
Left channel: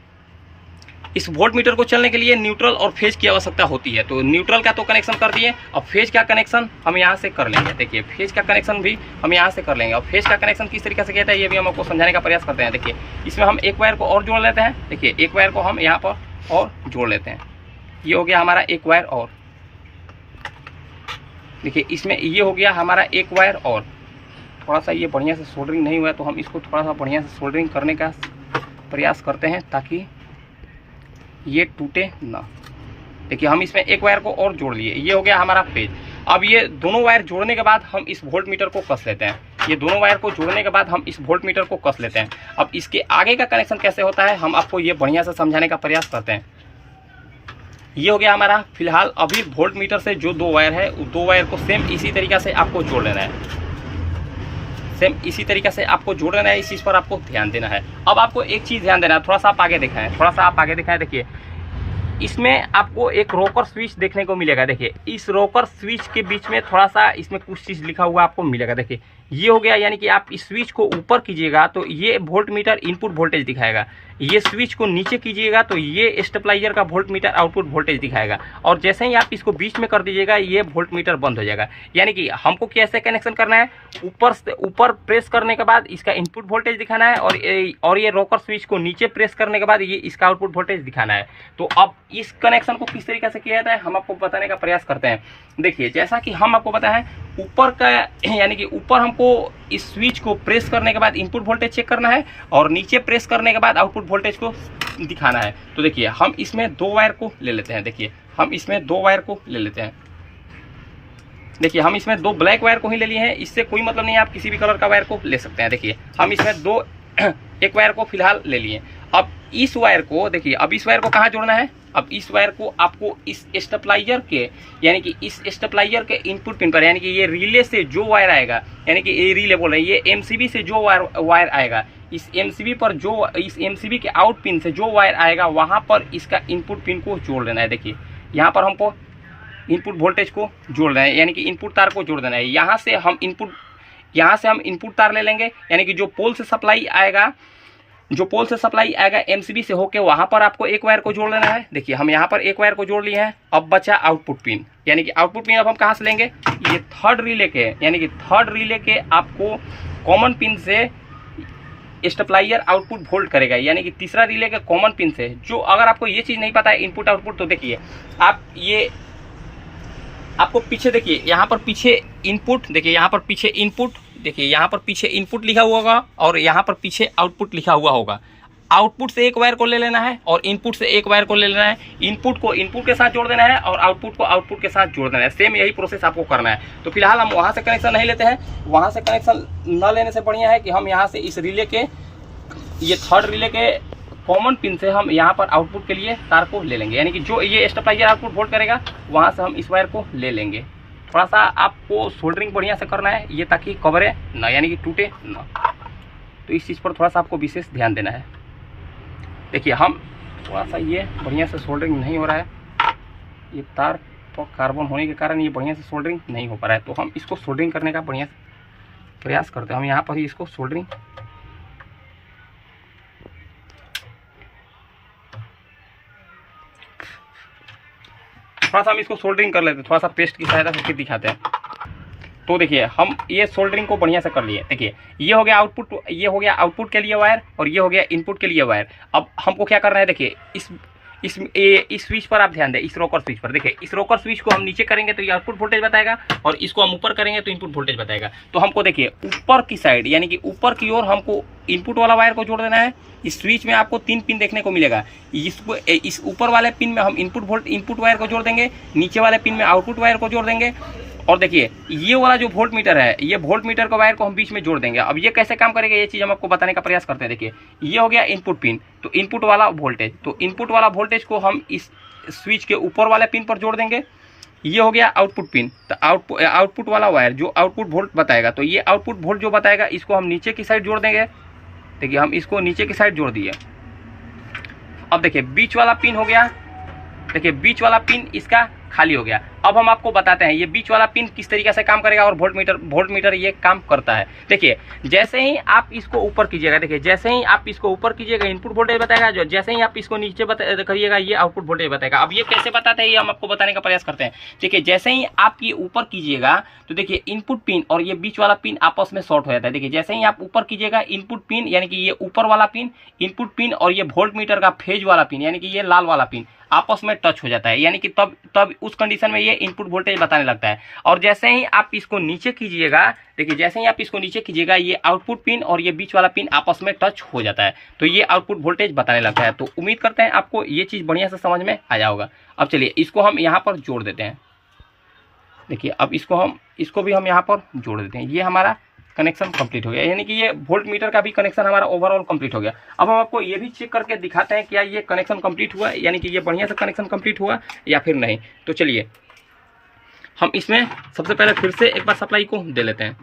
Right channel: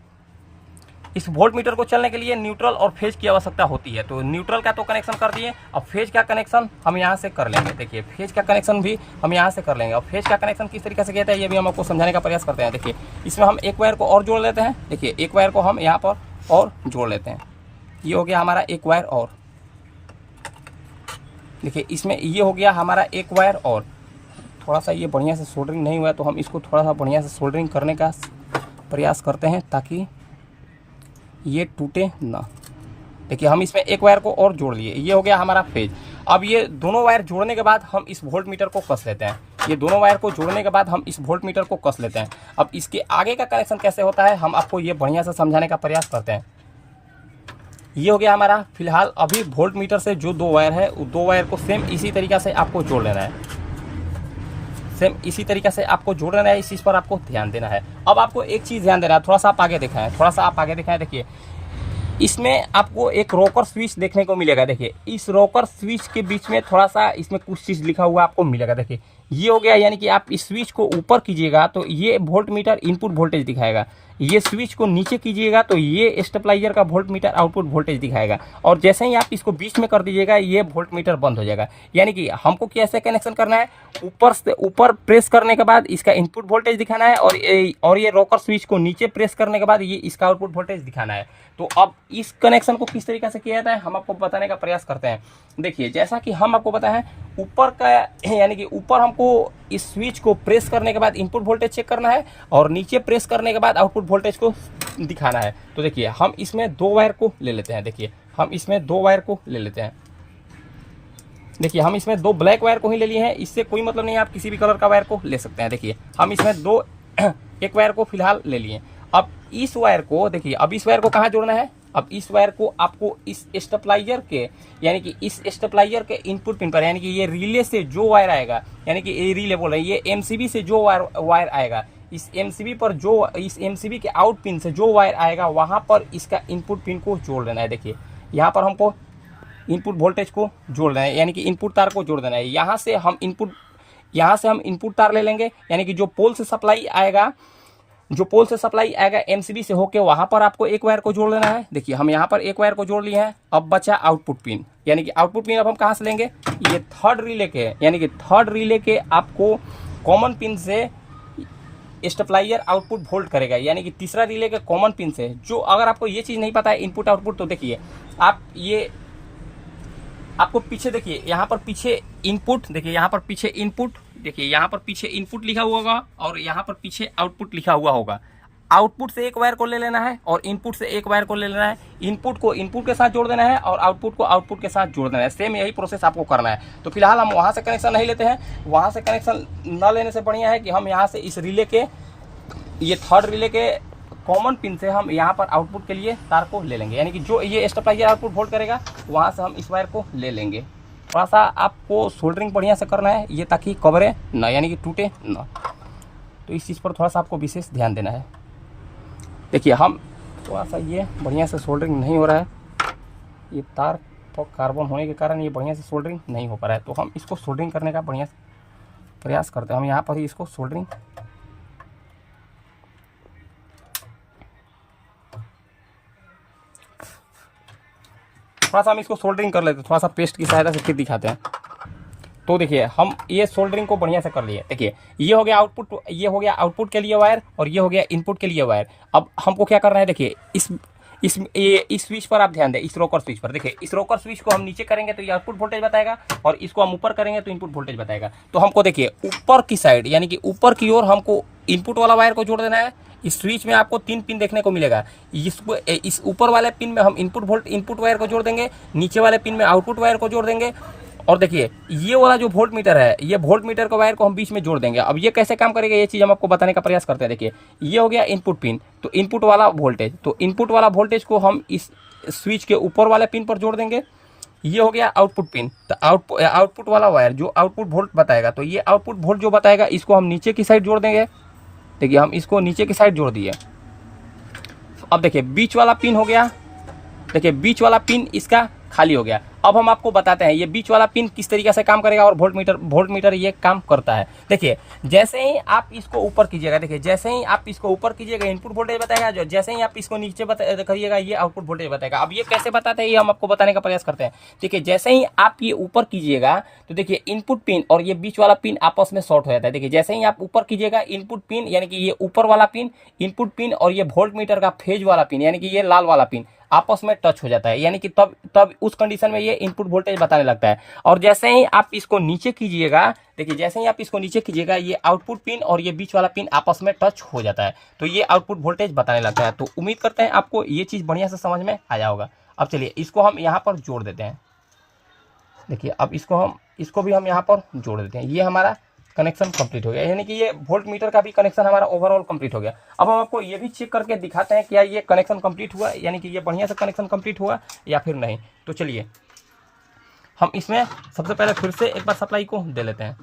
इस वोल्ट मीटर को चलने के लिए न्यूट्रल और फेज की आवश्यकता होती है। तो न्यूट्रल का तो कनेक्शन कर दिए, अब फेज का कनेक्शन हम यहाँ से कर लेंगे। देखिए फेज का कनेक्शन भी हम यहाँ से कर लेंगे। और फेज का कनेक्शन किस तरीके से कहता है ये भी हम आपको समझाने का प्रयास करते हैं। देखिए इसमें हम एक वायर को और जोड़ लेते हैं। देखिए एक वायर को हम यहाँ पर और जोड़ लेते हैं, ये हो गया हमारा एक वायर और। देखिए इसमें ये हो गया हमारा एक वायर और। थोड़ा सा ये बढ़िया से सोल्डरिंग नहीं हुआ है, तो हम इसको थोड़ा सा बढ़िया से सोल्डरिंग करने का प्रयास करते हैं ताकि ये टूटे ना। देखिए हम इसमें एक वायर को और जोड़ लिए, ये हो गया हमारा फेज। अब ये दोनों वायर जोड़ने के बाद हम इस वोल्ट मीटर को कस लेते हैं। ये दोनों वायर को जोड़ने के बाद हम इस वोल्ट मीटर को कस लेते हैं। अब इसके आगे का कनेक्शन कैसे होता है हम आपको ये बढ़िया से समझाने का प्रयास करते हैं। ये हो गया हमारा। फिलहाल अभी वोल्ट मीटर से जो दो वायर है, उस दो वायर को सेम इसी तरीके से आपको जोड़ लेना है। सेम इसी तरीके से आपको जोड़ लेना है, इस चीज़ पर आपको ध्यान देना है। अब आपको एक चीज़ ध्यान देना है, थोड़ा सा आप आगे दिखाएं, थोड़ा सा आप आगे दिखाएं। देखिए इसमें आपको एक रोकर स्विच देखने को मिलेगा। देखिए इस रोकर स्विच के बीच में थोड़ा सा इसमें कुछ चीज़ लिखा हुआ आपको मिलेगा। देखिए ये हो गया, यानी कि आप इस स्विच को ऊपर कीजिएगा तो ये वोल्ट मीटर इनपुट वोल्टेज दिखाएगा। ये स्विच को नीचे कीजिएगा तो ये स्टेबलाइजर का वोल्ट मीटर आउटपुट वोल्टेज दिखाएगा। और जैसे ही आप इसको बीच में कर दीजिएगा ये वोल्ट मीटर बंद हो जाएगा। यानी कि हमको कैसे कनेक्शन करना है, ऊपर से ऊपर प्रेस करने के बाद इसका इनपुट वोल्टेज दिखाना है और ये रोकर स्विच को नीचे प्रेस करने के बाद ये इसका आउटपुट वोल्टेज दिखाना है। तो अब इस कनेक्शन को किस तरीके से किया जाता है हम आपको बताने का प्रयास करते हैं। देखिए जैसा कि हम आपको बताएं, ऊपर का यानी कि ऊपर हमको इस स्विच को प्रेस करने के बाद इनपुट वोल्टेज चेक करना है और नीचे प्रेस करने के बाद आउटपुट वोल्टेज को दिखाना है। तो देखिए हम इसमें दो वायर को ले लेते हैं। देखिए हम इसमें दो वायर को ले लेते हैं। देखिए हम इसमें दो ब्लैक वायर को ही ले लिए हैं, इससे कोई मतलब नहीं है, आप किसी भी कलर का वायर को ले सकते हैं। देखिए हम इसमें दो एक वायर को फिलहाल ले लिए। अब इस वायर को देखिए, अब इस वायर को कहाँ जोड़ना है, अब इस वायर को आपको इस स्टेबलाइजर के यानी कि इस स्टेबलाइजर के इनपुट पिन पर यानी कि ये रिले से जो वायर आएगा, यानी कि ये रिले बोल रहे हैं, ये एमसीबी से जो वायर आएगा, इस एमसीबी पर जो इस एमसीबी के आउट पिन से जो वायर आएगा वहाँ पर इसका इनपुट पिन को जोड़ देना है। देखिए यहाँ पर हमको इनपुट वोल्टेज को जोड़ देना है, यानी कि इनपुट तार को जोड़ देना है। यहाँ से हम इनपुट तार ले लेंगे, यानी कि जो पोल से सप्लाई आएगा एमसीबी से होके वहाँ पर आपको एक वायर को जोड़ लेना है। देखिए हम यहाँ पर एक वायर को जोड़ लिए हैं। अब बचा आउटपुट पिन, यानी कि आउटपुट पिन अब हम कहाँ से लेंगे, ये थर्ड रिले के, यानी कि थर्ड रिले के आपको कॉमन पिन से स्टेबलाइजर आउटपुट वोल्ट करेगा, यानी कि तीसरा रिले के कॉमन पिन से। जो अगर आपको ये चीज़ नहीं पता है इनपुट आउटपुट, तो देखिए आपको पीछे देखिए यहाँ पर पीछे इनपुट, देखिए यहाँ पर पीछे इनपुट, देखिए यहाँ पर पीछे इनपुट लिखा हुआ होगा और यहाँ पर पीछे आउटपुट लिखा हुआ होगा। आउटपुट से एक वायर को ले लेना है और इनपुट से एक वायर को ले लेना है। इनपुट को इनपुट के साथ जोड़ देना है और आउटपुट को आउटपुट के साथ जोड़ देना है। सेम यही प्रोसेस आपको करना है। तो फिलहाल हम वहाँ से कनेक्शन नहीं लेते हैं। वहाँ से कनेक्शन न लेने से बढ़िया है कि हम यहाँ से इस रिले के, ये थर्ड रिले के कॉमन पिन से हम यहाँ पर आउटपुट के लिए तार को ले लेंगे, यानी कि जो ये स्टेबलाइजर आउटपुट वोल्ट करेगा वहाँ से हम इस वायर को ले लेंगे। थोड़ा सा आपको सोल्डरिंग बढ़िया से करना है ये, ताकि कवरे ना, यानी कि टूटे ना। तो इस चीज़ पर थोड़ा सा आपको विशेष ध्यान देना है। देखिए हम थोड़ा सा ये बढ़िया से सोल्डरिंग नहीं हो रहा है, ये तार पर कार्बन होने के कारण ये बढ़िया से सोल्डरिंग नहीं हो पा रहा है। तो हम इसको सोल्डरिंग करने का बढ़िया प्रयास करते हैं। हम यहाँ पर ही इसको सोल्डरिंग थोड़ा सा हम इसको सोल्डरिंग कर लेते हैं, थोड़ा सा पेस्ट की सहायता से फिर दिखाते हैं। तो देखिए हम ये सोल्डरिंग को बढ़िया से कर लिए। देखिए ये हो गया आउटपुट, ये हो गया आउटपुट के लिए वायर और ये हो गया इनपुट के लिए वायर। अब हमको क्या करना है, देखिए इस स्विच पर आप ध्यान दें, इस रोकर स्विच पर। देखिए इस रोकर स्विच को हम नीचे करेंगे तो ये आउटपुट वोल्टेज बताएगा और इसको हम ऊपर करेंगे तो इनपुट वोल्टेज बताएगा। तो हमको देखिए ऊपर की साइड, यानी कि ऊपर की ओर हमको इनपुट वाला वायर को जोड़ देना है। इस स्विच में आपको 3 पिन देखने को मिलेगा। इसको इस ऊपर वाले पिन में हम इनपुट वायर को जोड़ देंगे, नीचे वाले पिन में आउटपुट वायर को जोड़ देंगे। और देखिए ये वाला जो वोल्ट मीटर है, ये वोल्ट मीटर का वायर को हम बीच में जोड़ देंगे। अब ये कैसे काम करेगा ये चीज़ हम आपको बताने का प्रयास करते हैं। देखिए ये हो गया इनपुट पिन, तो इनपुट वाला वोल्टेज, तो इनपुट वाला वोल्टेज को हम इस स्विच के ऊपर वाले पिन पर जोड़ देंगे। ये हो गया आउटपुट पिन, तो आउटपुट वाला वायर जो आउटपुट वोल्ट बताएगा, तो ये आउटपुट वोल्ट जो बताएगा इसको हम नीचे की साइड जोड़ देंगे। देखिए हम इसको नीचे की साइड जोड़ दिए। अब देखिए बीच वाला पिन हो गया, देखिए बीच वाला पिन इसका खाली हो गया। अब हम आपको बताते हैं ये बीच वाला पिन किस तरीके से काम करेगा और वोल्ट मीटर ये काम करता है। देखिए जैसे ही आप इसको ऊपर कीजिएगा, देखिए जैसे ही आप इसको ऊपर कीजिएगा इनपुट वोल्टेज बताएगा, जो जैसे ही आप इसको नीचे करिएगा ये आउटपुट वोल्टेज बताएगा। अब ये कैसे बताते हैं ये हम आपको बताने का प्रयास करते हैं। देखिए जैसे ही आप ये ऊपर कीजिएगा तो देखिए इनपुट पिन और ये बीच वाला पिन आपस में शॉर्ट हो जाता है। देखिए जैसे ही आप ऊपर कीजिएगा इनपुट पिन, यानी कि ये ऊपर वाला पिन, इनपुट पिन और ये वोल्ट मीटर का फेज वाला पिन, यानी कि ये लाल वाला पिन आपस में टच हो जाता है, यानी कि तब उस कंडीशन में ये इनपुट वोल्टेज बताने लगता है। और जैसे ही आप इसको नीचे कीजिएगा, देखिए जैसे ही आप इसको नीचे कीजिएगा ये आउटपुट पिन और ये बीच वाला पिन आपस में टच हो जाता है, तो ये आउटपुट वोल्टेज बताने लगता है। तो उम्मीद करते हैं आपको ये चीज़ बढ़िया से समझ में आया होगा। अब चलिए इसको हम यहाँ पर जोड़ देते हैं। देखिए अब इसको भी हम यहाँ पर जोड़ देते हैं। ये हमारा कनेक्शन कंप्लीट हो गया, यानी कि ये वोल्ट मीटर का भी कनेक्शन हमारा ओवरऑल कंप्लीट हो गया। अब हम आपको ये भी चेक करके दिखाते हैं क्या ये कनेक्शन कंप्लीट हुआ, यानी कि ये बढ़िया से कनेक्शन कंप्लीट हुआ या फिर नहीं। तो चलिए हम इसमें सबसे पहले फिर से एक बार सप्लाई को दे लेते हैं।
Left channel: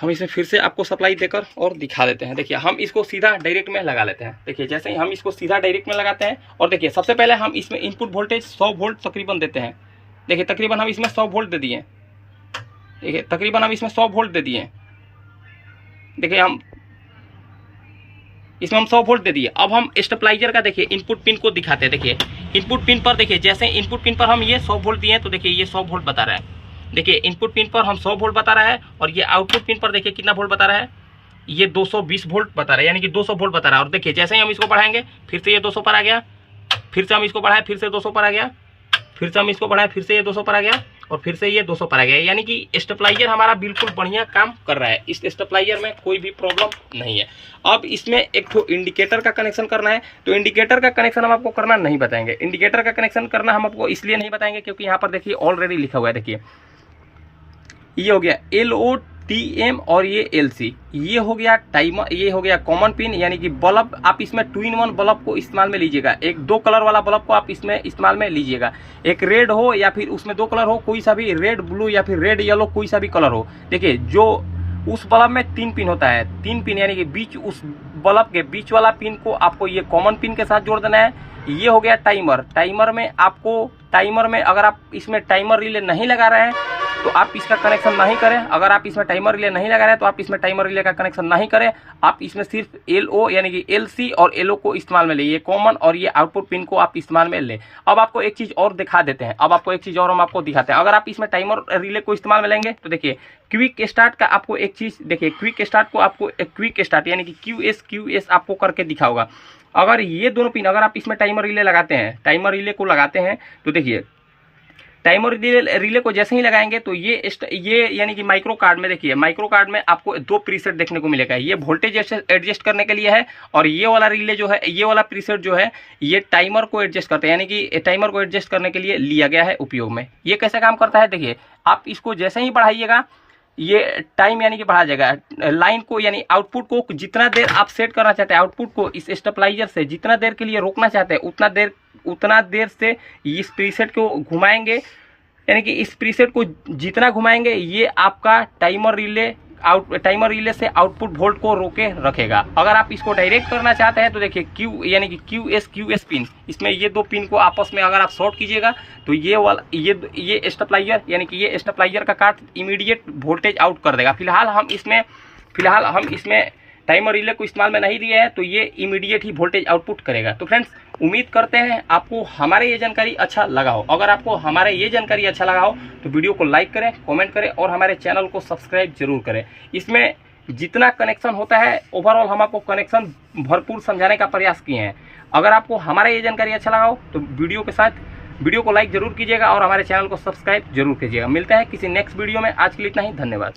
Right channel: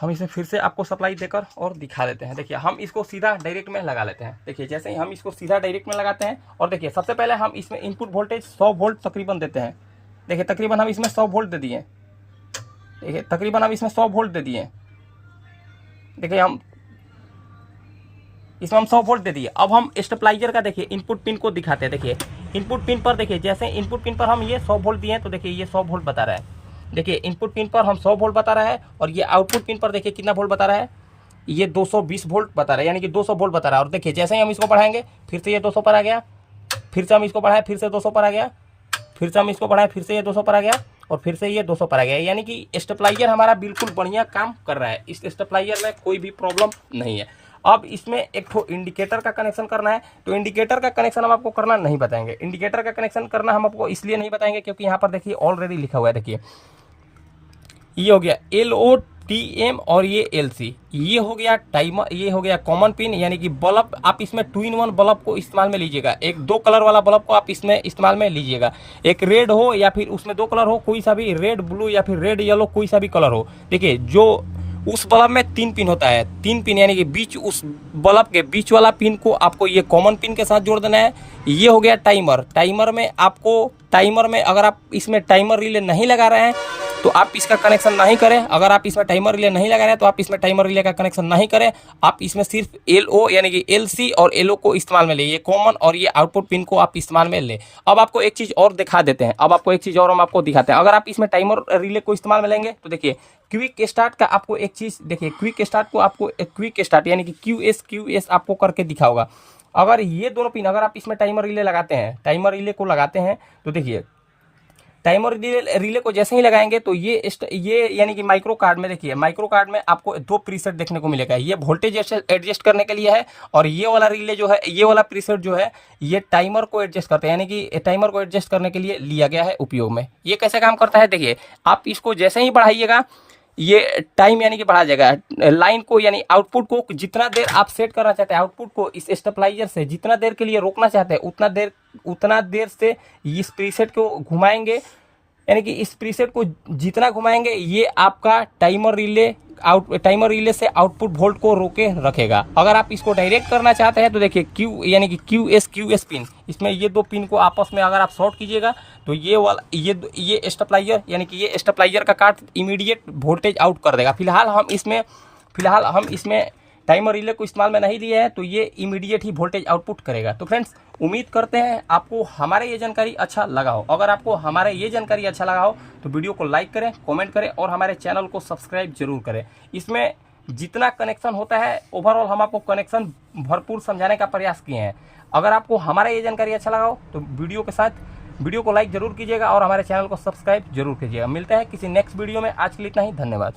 हम इसमें फिर से आपको सप्लाई देकर और दिखा देते हैं। देखिए हम इसको सीधा डायरेक्ट में लगा लेते हैं। देखिए जैसे ही हम इसको सीधा डायरेक्ट में लगाते हैं और देखिए सबसे पहले हम इसमें इनपुट वोल्टेज 100 वोल्ट तकरीबन देते हैं। देखिए तकरीबन हम इसमें 100 वोल्ट दे दिए। देखिए तकरीबन हम इसमें 100 वोल्ट दे दिए। देखिए हम इसमें 100 वोल्ट दे दिए। अब हम स्टेबलाइजर का देखिए इनपुट पिन को दिखाते हैं। देखिए इनपुट पिन पर, देखिए जैसे इनपुट पिन पर हम ये 100 वोल्ट दिए तो देखिए ये 100 वोल्ट बता रहा है। देखिए इनपुट पिन पर हम 100 वोल्ट बता रहा है और ये आउटपुट पिन पर देखिए कितना वोल्ट बता रहा है, ये 220 वोल्ट बता रहा है, यानी कि 200 वोल्ट बता रहा है। और देखिए जैसे ही हम इसको बढ़ाएंगे फिर से ये 200 पर आ गया, फिर से हम इसको बढ़ाएं फिर से 200 पर आ गया, फिर से हम इसको बढ़ाएं फिर से ये 200 पर आ गया और फिर से ये 200 पर आ गया। यानी कि स्टेबलाइजर हमारा बिल्कुल बढ़िया काम कर रहा है। इस स्टेबलाइजर में कोई भी प्रॉब्लम नहीं है। अब इसमें एक तो इंडिकेटर का कनेक्शन करना है, तो इंडिकेटर का कनेक्शन हम आपको करना नहीं बताएंगे। इंडिकेटर का कनेक्शन करना हम आपको इसलिए नहीं बताएंगे क्योंकि यहाँ पर देखिए ऑलरेडी लिखा हुआ है। देखिए ये हो गया TM और ये LC, ये हो गया टाइमर, ये हो गया कॉमन पिन, यानी कि बल्ब आप इसमें 2-in-1 बल्ब को इस्तेमाल में लीजिएगा। एक 2 कलर वाला बल्ब को आप इसमें इस्तेमाल में लीजिएगा, एक रेड हो या फिर उसमें 2 कलर हो, कोई सा भी रेड ब्लू या फिर रेड येलो कोई सा भी कलर हो। देखिए जो उस बल्ब में 3 पिन होता है, 3 पिन यानी कि बीच, उस बल्ब के बीच वाला पिन को आपको ये कॉमन पिन के साथ जोड़ देना है। ये हो गया टाइमर। टाइमर में आपको, टाइमर में अगर आप इसमें टाइमर रिले नहीं लगा रहे हैं तो आप इसका कनेक्शन नहीं करें। अगर आप इसमें टाइमर रिले नहीं लगा रहे हैं तो आप इसमें टाइमर रिले का कनेक्शन नहीं करें। आप इसमें सिर्फ LO यानी कि LC और LO को इस्तेमाल में ले, ये कॉमन और ये आउटपुट पिन को आप इस्तेमाल में लें। अब आपको एक चीज़ और दिखा देते हैं, अब आपको एक चीज़ और हम आपको दिखाते हैं। अगर आप इसमें टाइमर रिले को इस्तेमाल में लेंगे तो देखिए क्विक स्टार्ट का आपको एक चीज़, देखिए क्विक स्टार्ट को आपको, क्विक स्टार्ट यानी कि QS आपको करके दिखाओगा। अगर ये दोनों पिन, अगर आप इसमें टाइमर रिले लगाते हैं, टाइमर रिले को लगाते हैं तो देखिए टाइमर रिले को जैसे ही लगाएंगे तो ये यानी कि माइक्रो कार्ड में, देखिए माइक्रो कार्ड में आपको 2 प्रीसेट देखने को मिलेगा। ये वोल्टेज एडजस्ट करने के लिए है और ये वाला रिले जो है, ये वाला प्रीसेट जो है ये टाइमर को एडजस्ट करते हैं, यानी कि टाइमर को एडजस्ट करने के लिए लिया गया है उपयोग में। ये कैसे काम करता है, देखिए आप इसको जैसे ही बढ़ाइएगा ये टाइम यानी कि बढ़ा जाएगा। लाइन को यानी आउटपुट को जितना देर आप सेट करना चाहते हैं, आउटपुट को इस स्टेबलाइजर से जितना देर के लिए रोकना चाहते हैं उतना देर से इस प्रीसेट को घुमाएंगे, यानी कि इस प्रीसेट को जितना घुमाएंगे ये आपका टाइमर रिले से आउटपुट वोल्ट को रोके रखेगा। अगर आप इसको डायरेक्ट करना चाहते हैं तो देखिए Q यानी कि QS पिन, इसमें ये 2 पिन को आपस में अगर आप शॉर्ट कीजिएगा तो ये वाला ये स्टेबलाइजर यानी कि ये स्टेबलाइजर का कार्ड इमीडिएट वोल्टेज आउट कर देगा। फिलहाल हम इसमें टाइमर रिले को इस्तेमाल में नहीं दिए हैं तो ये इमीडिएट ही वोल्टेज आउटपुट करेगा। तो फ्रेंड्स उम्मीद करते हैं आपको हमारे ये जानकारी अच्छा लगा हो। अगर आपको हमारे ये जानकारी अच्छा लगा हो तो वीडियो को लाइक करें, कमेंट करें और हमारे चैनल को सब्सक्राइब जरूर करें। इसमें जितना कनेक्शन होता है ओवरऑल हम आपको कनेक्शन भरपूर समझाने का प्रयास किए हैं। अगर आपको हमारा ये जानकारी अच्छा लगा हो तो वीडियो को लाइक जरूर कीजिएगा और हमारे चैनल को सब्सक्राइब जरूर कीजिएगा। मिलता है किसी नेक्स्ट वीडियो में, आज के लिए इतना ही, धन्यवाद।